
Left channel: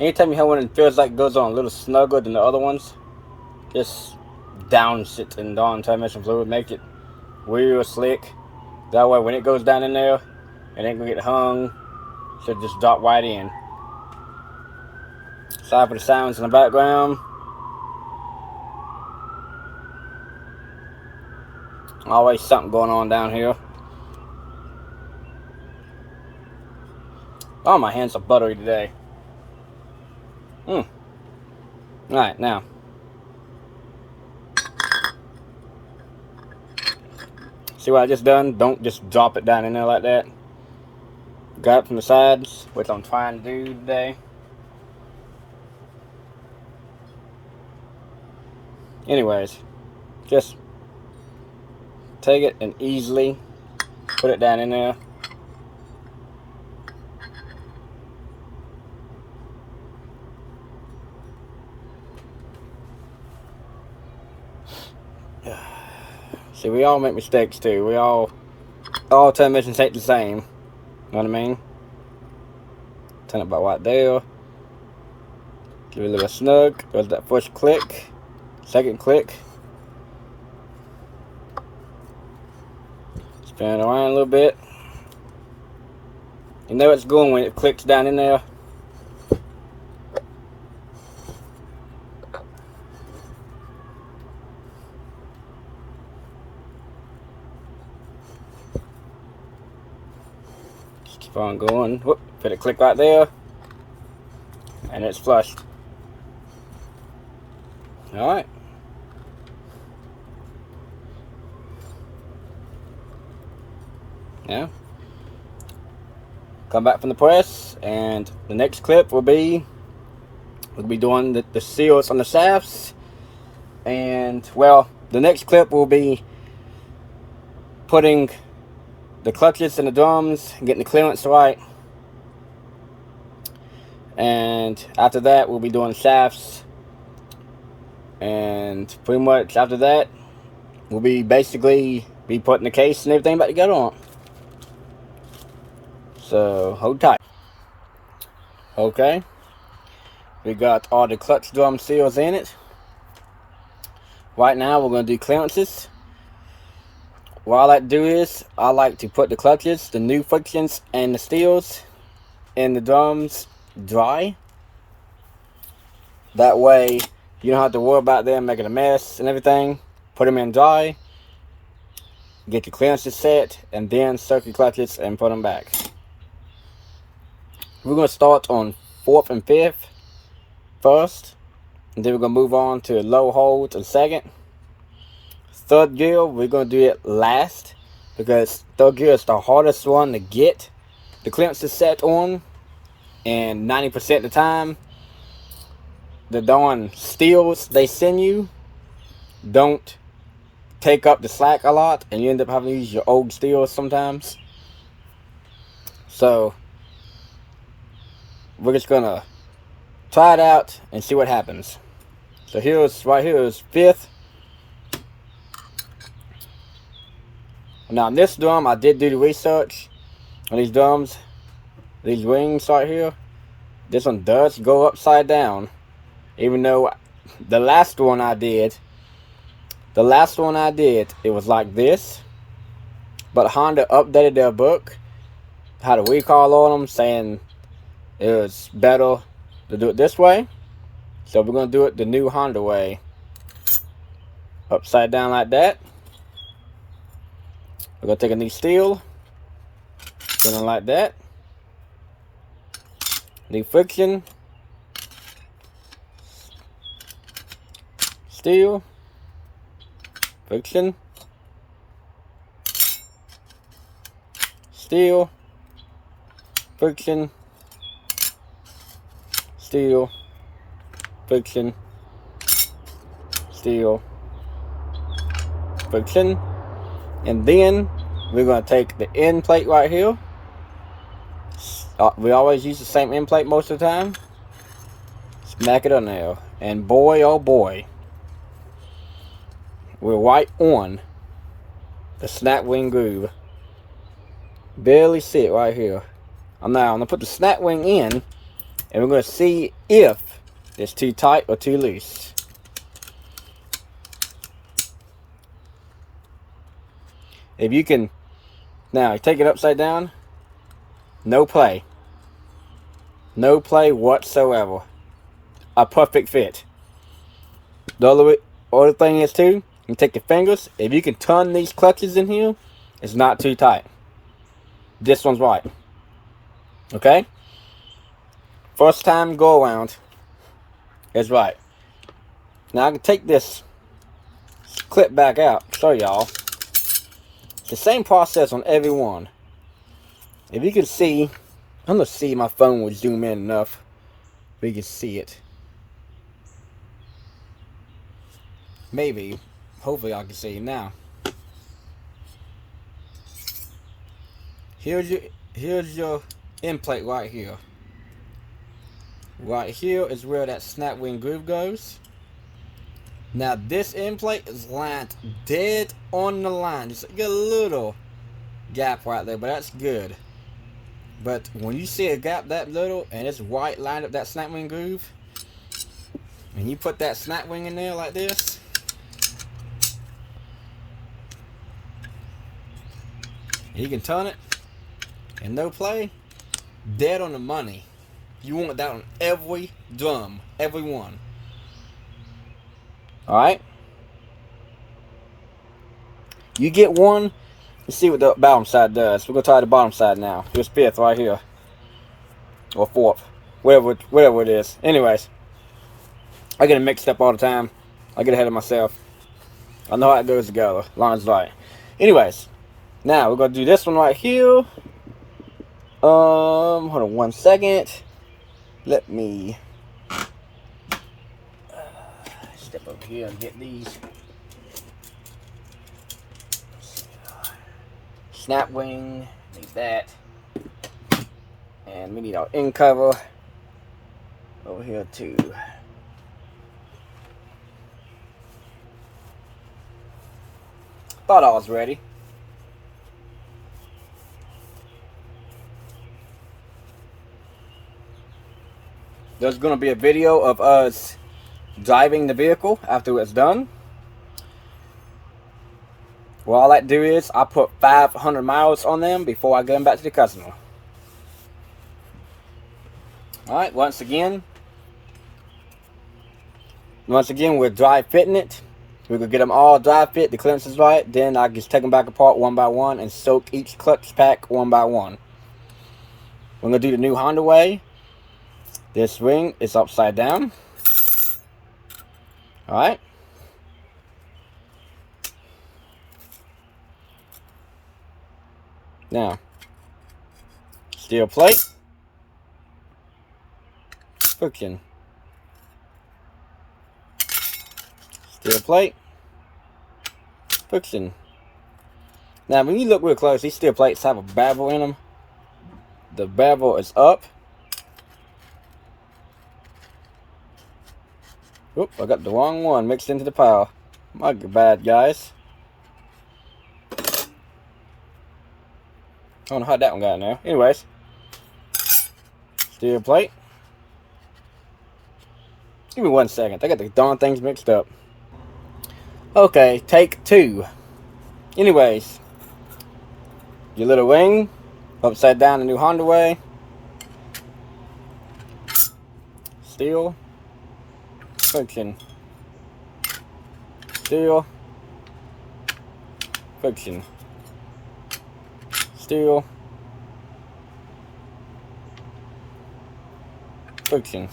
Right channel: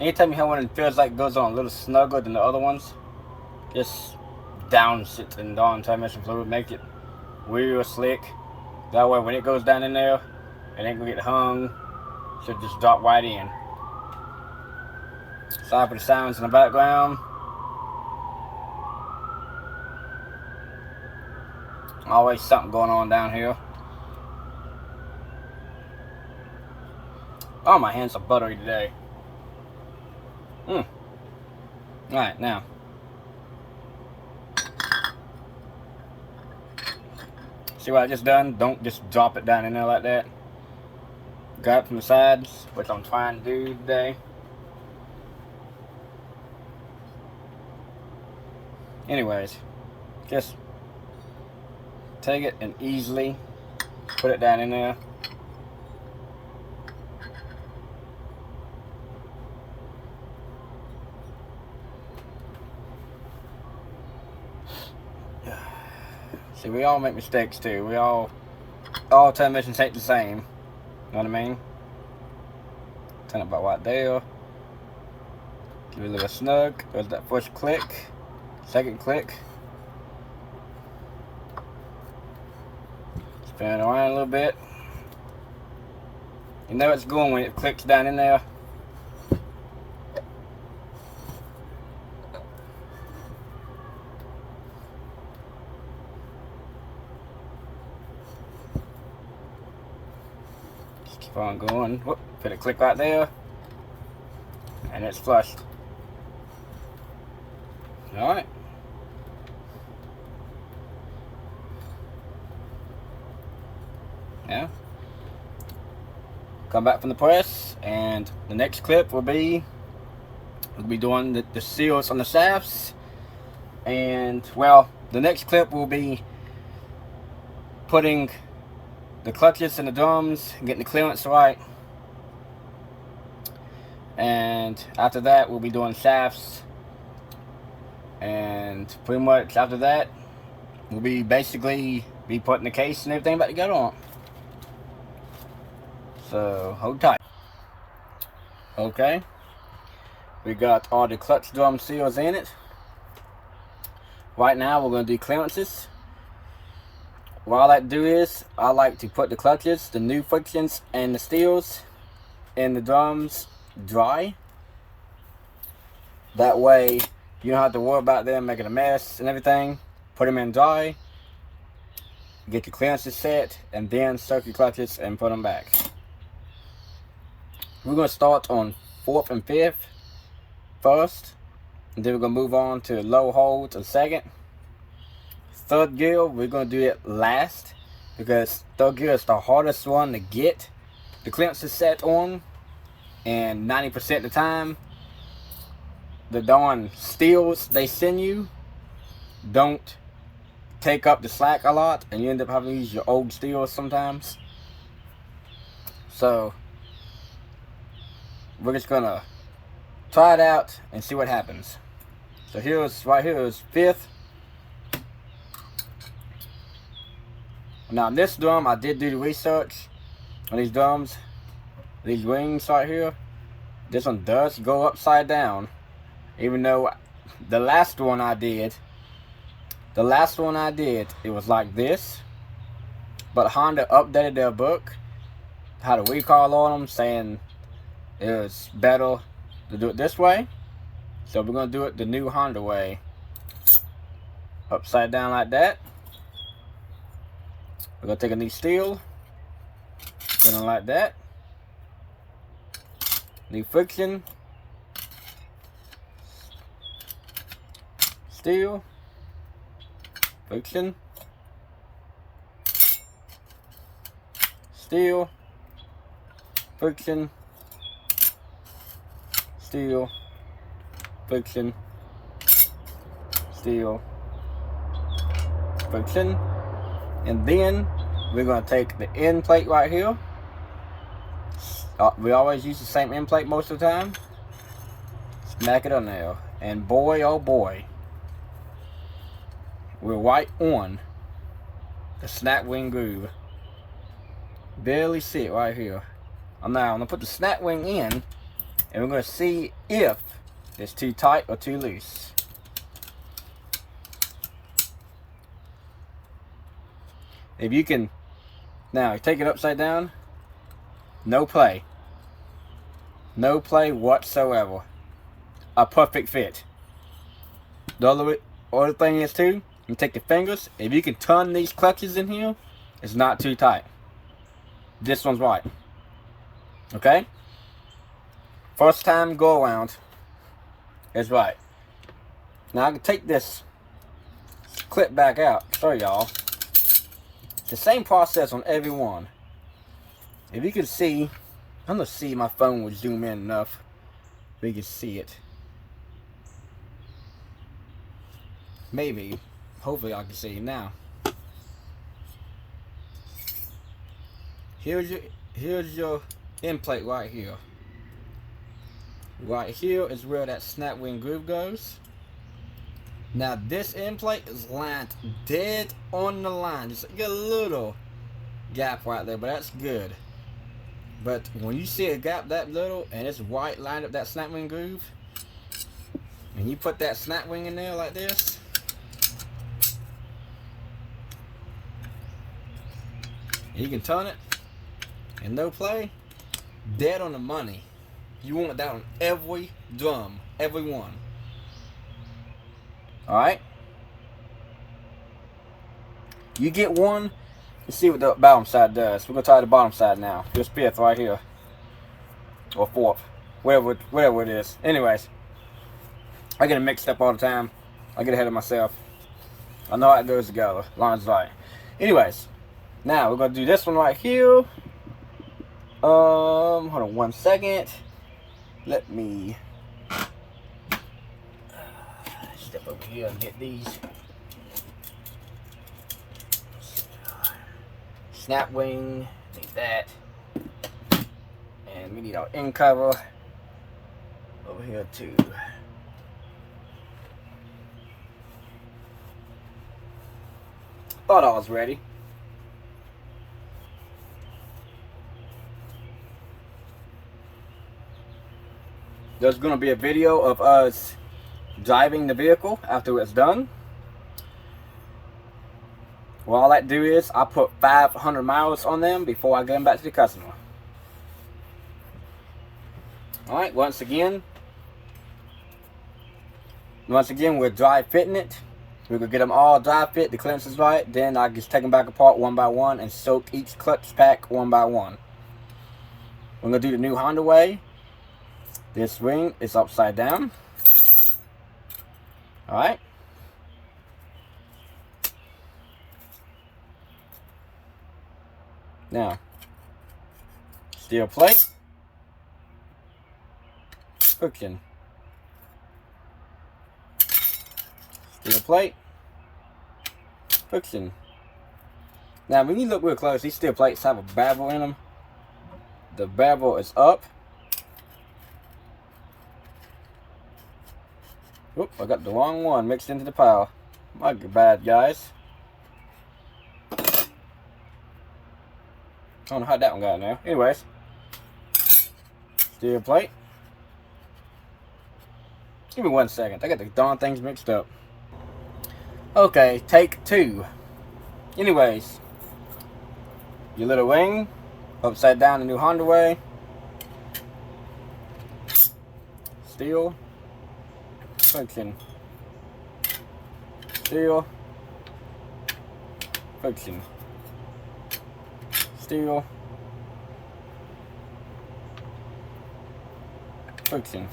Anytime you have one that feels like it goes on a little snugger than the other ones, just down shit and down transmission fluid, make it real slick. That way when it goes down in there, it ain't gonna get hung. Should just drop right in. Sorry for the sounds in the background. Always something going on down here. Oh, my hands are buttery today. Alright, now. See what I just done? Don't just drop it down in there like that. Grab it from the sides, which I'm trying to do today. Anyways, just take it and easily put it down in there. See, we all make mistakes too. We all transmissions ain't the same. You know what I mean? Turn it about right there. Give it a little snug. There's that first click. Second click. Spin it around a little bit. You know it's going when it clicks down in there. Keep on going. Whoop, put a click right there, and it's flushed. All right. Now, come back from the press, and the next clip will be we'll be doing the seals on the shafts, and well, the next clip will be putting the clutches and the drums, getting the clearance right, and after that we'll be doing shafts, and pretty much after that we'll be basically putting the case and everything back together on. So hold tight. Okay, we got all the clutch drum seals in it. Right now we're going to do clearances. What I like to do is I like to put the clutches, the new frictions, and the steels in the drums dry. That way you don't have to worry about them making a mess and everything. Put them in dry. get your clearances set, and then circuit clutches and put them back. We're going to start on 4th and 5th first, and then we're going to move on to low holds and 2nd. 3rd gear, we're going to do it last, because 3rd gear is the hardest one to get the clearances set on, and 90% of the time, the darn steels they send you don't take up the slack a lot, and you end up having to use your old steels sometimes. So we're just gonna try it out and see what happens. So right here is 5th. Now in this drum, I did do the research on these drums, these rings right here. This one does go upside down, even though the last one I did, it was like this. But Honda updated their book, had a recall on them, saying it was better to do it this way. So we're going to do it the new Honda way. Upside down like that. We're going to take a new steel, put it like that. New friction. Steel. Friction. Steel. Friction. Steel. Friction. Steel. Friction. And then we're going to take the end plate right here. We always use the same end plate most of the time. Smack it on there. And boy, oh boy, we're right on the snap wing groove. Barely see it right here. I'm going to put the snap wing in, and we're going to see if it's too tight or too loose. If you can, now you take it upside down, no play. No play whatsoever. A perfect fit. The other thing is too, you take your fingers, if you can turn these clutches in here, it's not too tight. This one's right. Okay? First time go around is right. Now I can take this clip back out, show y'all. The same process on every one. If you can see, I'm gonna see my phone will zoom in enough so you can see it. Maybe, hopefully I can see it now. Here's your end plate right here. Right here is where that snap wing groove goes. Now this end plate is lined dead on the line. Just get a little gap right there, but that's good. But when you see a gap that little and it's right lined up that snap wing groove, and you put that snap wing in there like this, you can turn it and no play, dead on the money. You want that on every drum, every one. Alright? You get one, you see what the bottom side does. We're going to try the bottom side now. This 5th right here. Or 4th. Whatever it is. Anyways. I get it mixed up all the time. I get ahead of myself. I know how it goes together. Lines right. Anyways. Now we're going to do this one right here. Hold on 1 second. Let me step over here and get these. Snap wing, need that. And we need our end cover over here too. Thought I was ready. There's going to be a video of us driving the vehicle after it's done. Well, all I do is I put 500 miles on them before I get them back to the customer. Alright, once again we're dry fitting it. We could get them all dry fit, the clearance is right. Then I just take them back apart one by one and soak each clutch pack one by one. We're going to do the new Honda way. This ring is upside down. Alright. Now, steel plate. Friction. Steel plate. Friction. Now, when you look real close, these steel plates have a bevel in them. The bevel is up. Oop, I got the wrong one mixed into the pile. My bad, guys. I don't know how that one got in there. Anyways. Steel plate. Give me 1 second. I got the darn things mixed up. Okay, take 2. Anyways. Your little ring. Upside down the new Honda way. Steel. Friction. Steel. Friction. Steel. Friction.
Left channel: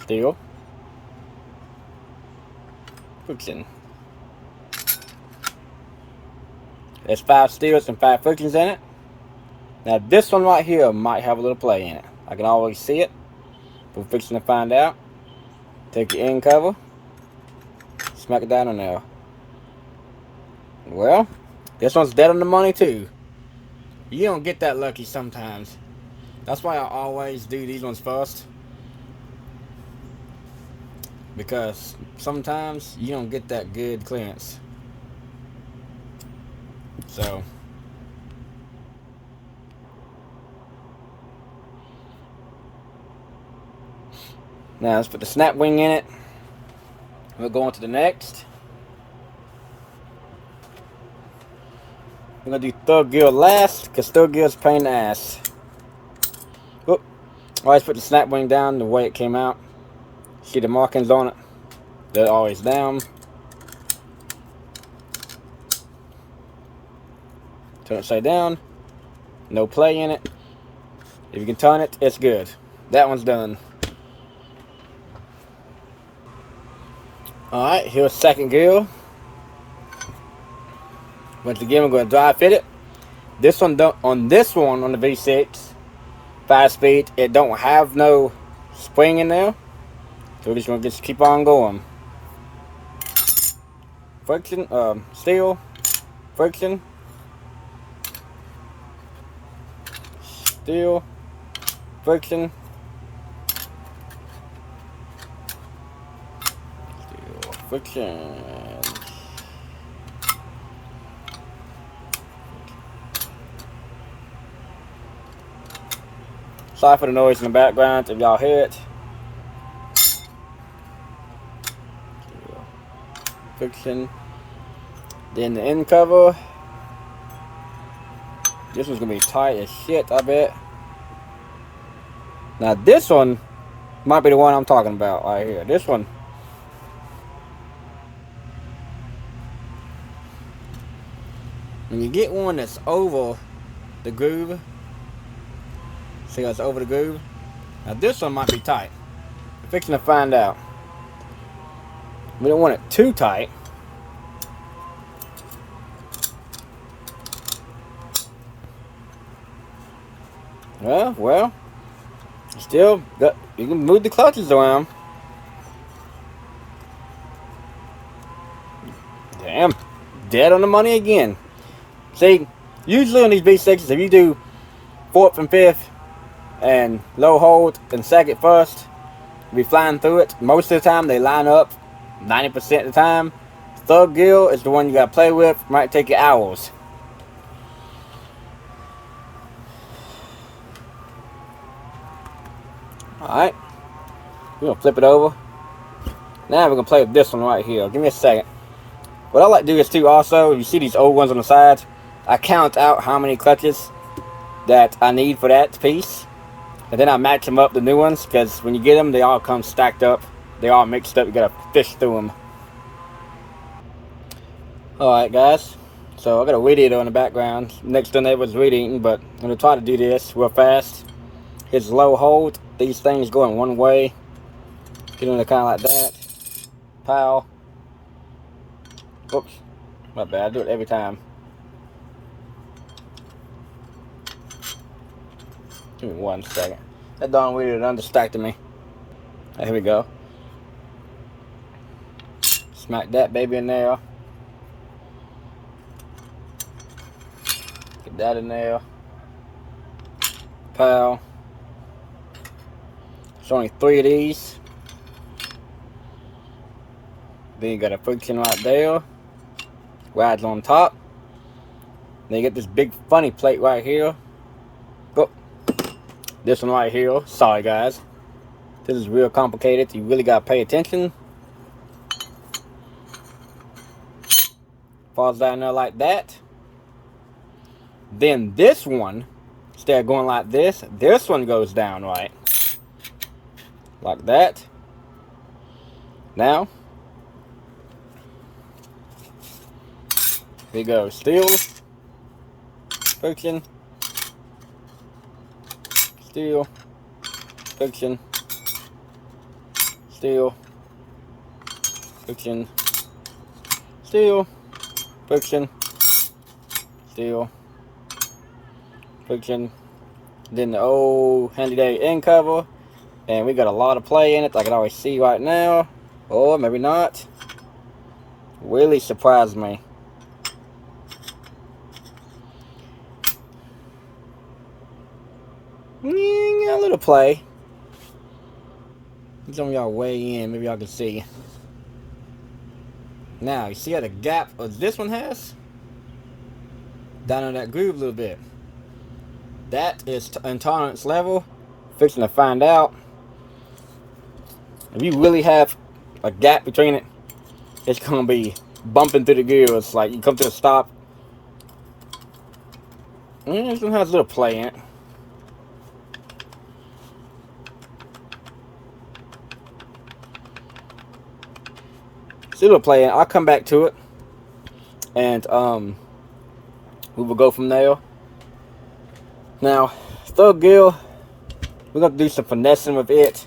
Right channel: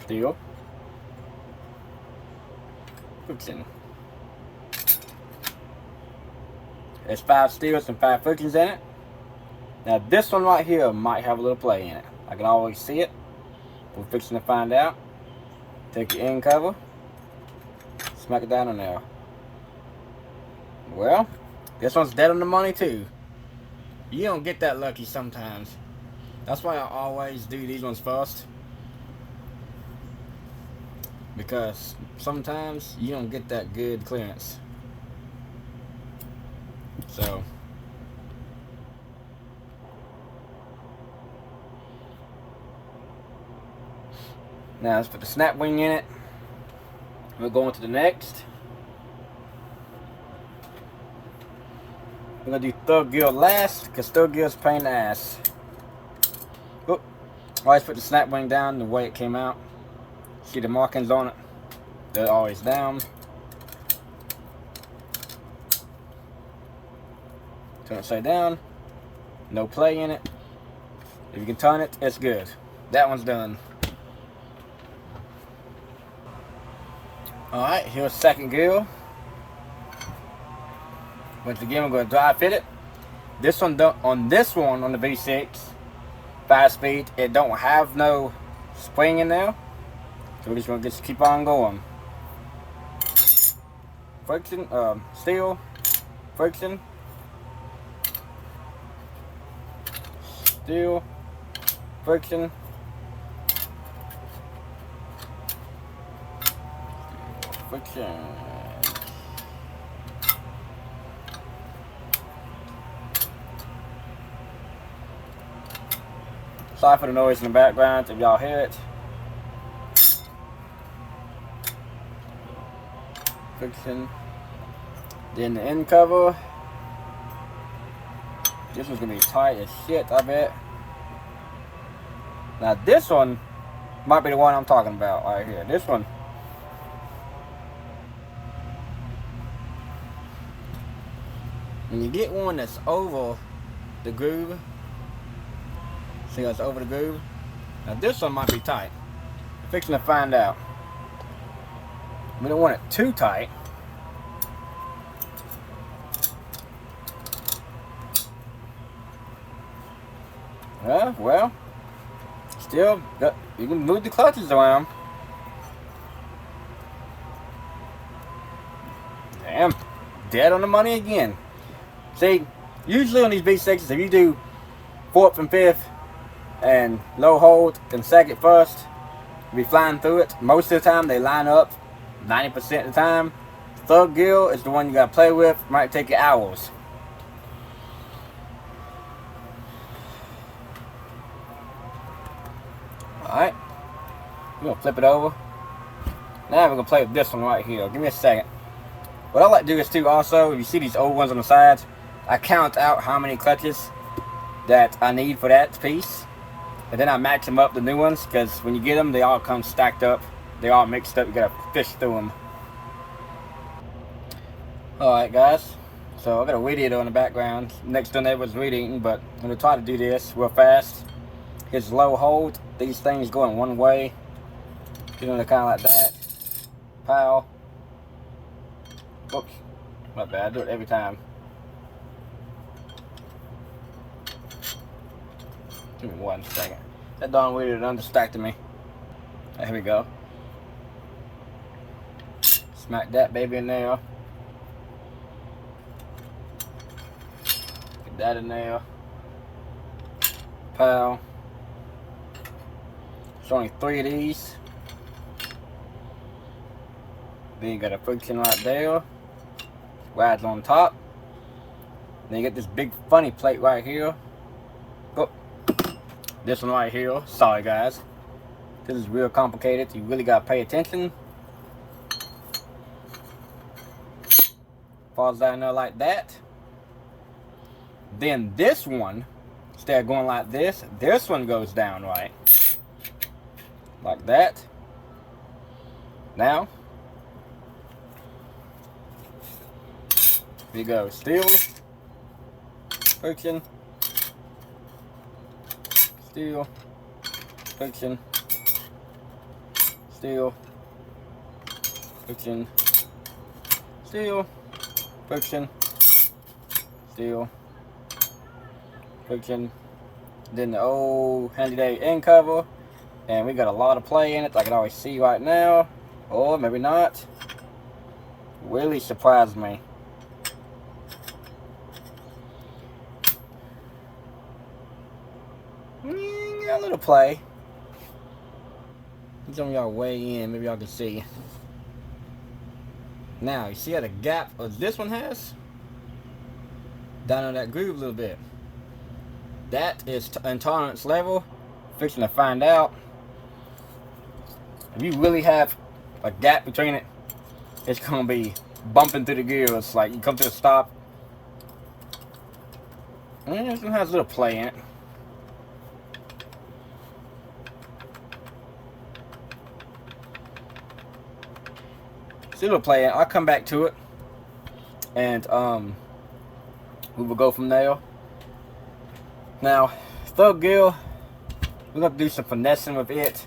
Steel. Friction. There's 5 steels and 5 frictions in it. Now this one right here might have a little play in it. I can always see it. We're fixing to find out. Take your end cover. Smack it down in there. Well, this one's dead on the money too. You don't get that lucky sometimes. That's why I always do these ones first. Because sometimes you don't get that good clearance. So now let's put the snap wing in it. We'll go on to the next. We're gonna do third gear last because third gear is a pain in the ass. Whoop. Always put the snap wing down the way it came out. See the markings on it. They're always down. Turn it upside down. No play in it. If you can turn it, it's good. That one's done. Alright, here's second gear. Once again, we're going to dry fit it. This one, on the V6, 5-speed, it don't have no spring in there. So we're just going to just keep on going. Friction, steel, friction, steel, friction, steel, friction. Sorry for the noise in the background if y'all hear it. Friction. Then the end cover. This one's gonna be tight as shit, I bet. Now this one might be the one I'm talking about right here. This one. When you get one that's over the groove, see that's over the groove. Now this one might be tight. We're fixing to find out. We don't want it too tight. Well, still, you can move the clutches around. Damn, dead on the money again. See, usually on these V6s, if you do 4th and 5th and low hold and second first, you'll be flying through it. Most of the time, they line up 90% of the time. Third gear is the one you gotta play with. Might take you hours. Alright, we're gonna flip it over. Now we're gonna play with this one right here. Give me a second. What I like to do is too also, you see these old ones on the side, I count out how many clutches that I need for that piece. And then I match them up the new ones, because when you get them, they all come stacked up they're all mixed up. You gotta fish through them. Alright guys, so I got a weed eater in the background. Next door neighbor's weed eating, but I'm gonna try to do this real fast. His low hold, these things go in one way. Get in there kind of like that. Pow. Oops, my bad, I do it every time. Give me 1 second. That darn weed eater done distracted me. Right, here we go. Smack that baby in there. Get that in there. Pow. It's only 3 of these. Then you got a friction right there. Rides on top. Then you get this big funny plate right here. Oh, this one right here. Sorry guys. This is real complicated. You really gotta pay attention. Falls down there like that. Then this one, instead of going like this one goes down right. Like that. Now, here we go. Steel, friction, steel, friction, steel, friction, steel, friction, steel, friction. Then the old handy day end cover. And we got a lot of play in it. I can always see right now. Or maybe not. Really surprised me. Yeah, got a little play. Some of y'all weigh in. Maybe y'all can see. Now, you see how the gap of this one has? Down on that groove a little bit. That is intolerance level. Fixing to find out. If you really have a gap between it, it's gonna be bumping through the gears. Like you come to a stop. And this one has a little play in it. See a little play in it. I'll come back to it. And we will go from there. Now, third gear, we're gonna do some finessing with it.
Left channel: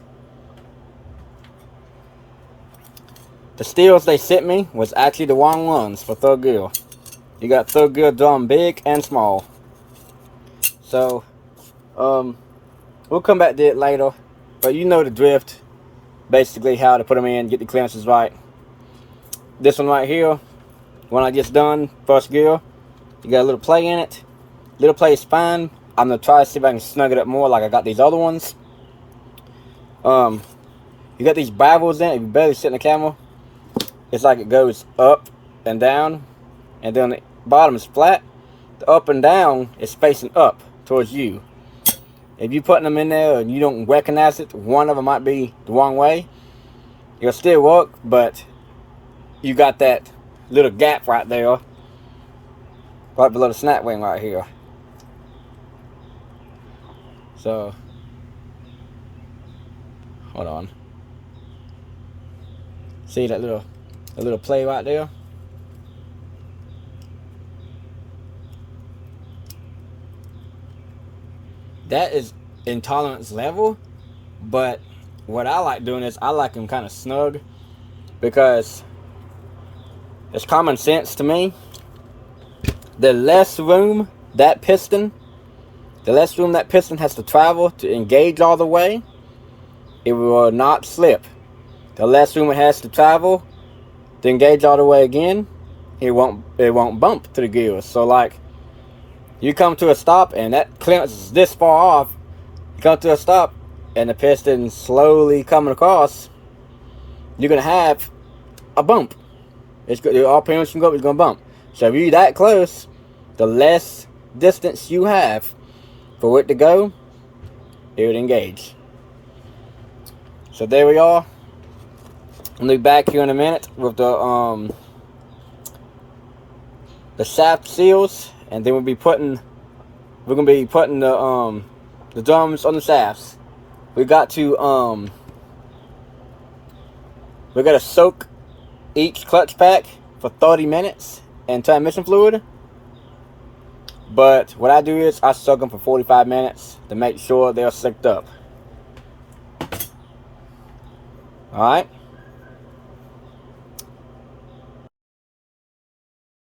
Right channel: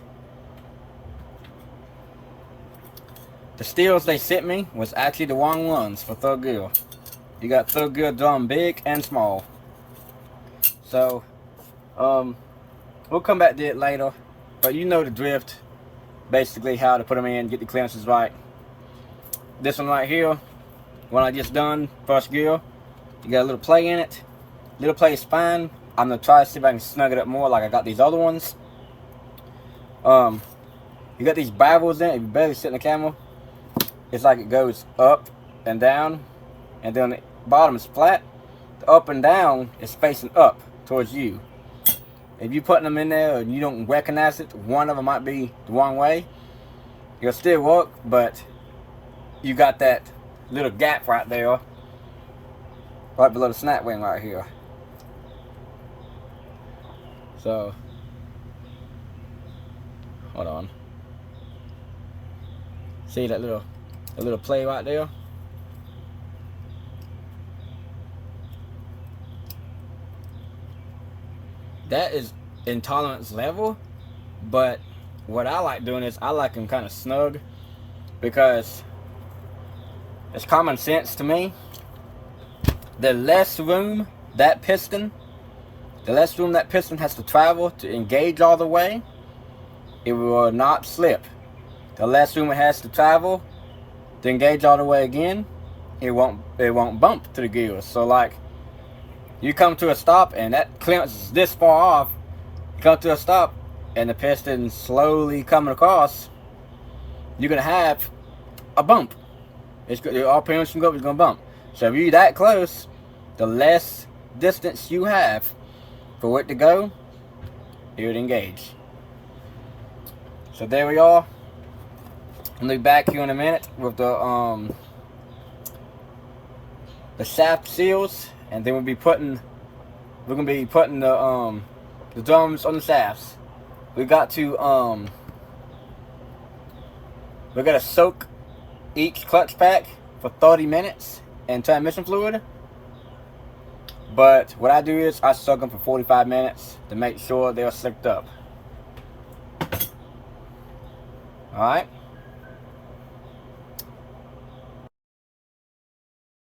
The steels they sent me was actually the wrong ones for third gear. You got third gear drum big and small. So, we'll come back to it later. But you know the drift. Basically how to put them in, get the clearances right. This one right here, one I just done, first gear. You got a little play in it. Little play is fine. I'm gonna try to see if I can snug it up more like I got these other ones. You got these bivels in it. If you barely sit in the camera, it's like it goes up and down, and then the bottom is flat. The up and down is facing up towards you. If you're putting them in there and you don't recognize it, one of them might be the wrong way. It'll still work, but you got that little gap right there, right below the snap wing right here. So, hold on. See that little play right there? That is intolerance level, but what I like doing is I like them kind of snug because it's common sense to me. The less room that piston has to travel to engage all the way, it will not slip. The less room it has to travel to engage all the way again, it won't bump to the gears. So like, you come to a stop and that clearance is this far off, you come to a stop and the piston slowly coming across, you're gonna have a bump. All parents can go, it's gonna bump. So if you're that close, the less distance you have for it to go, it would engage. So there we are. I'll be back here in a minute with the shaft seals, and then we're gonna be putting the drums on the shafts. We got to We're going to soak each clutch pack for 30 minutes in transmission fluid. But what I do is I soak them for 45 minutes to make sure they're soaked up. Alright.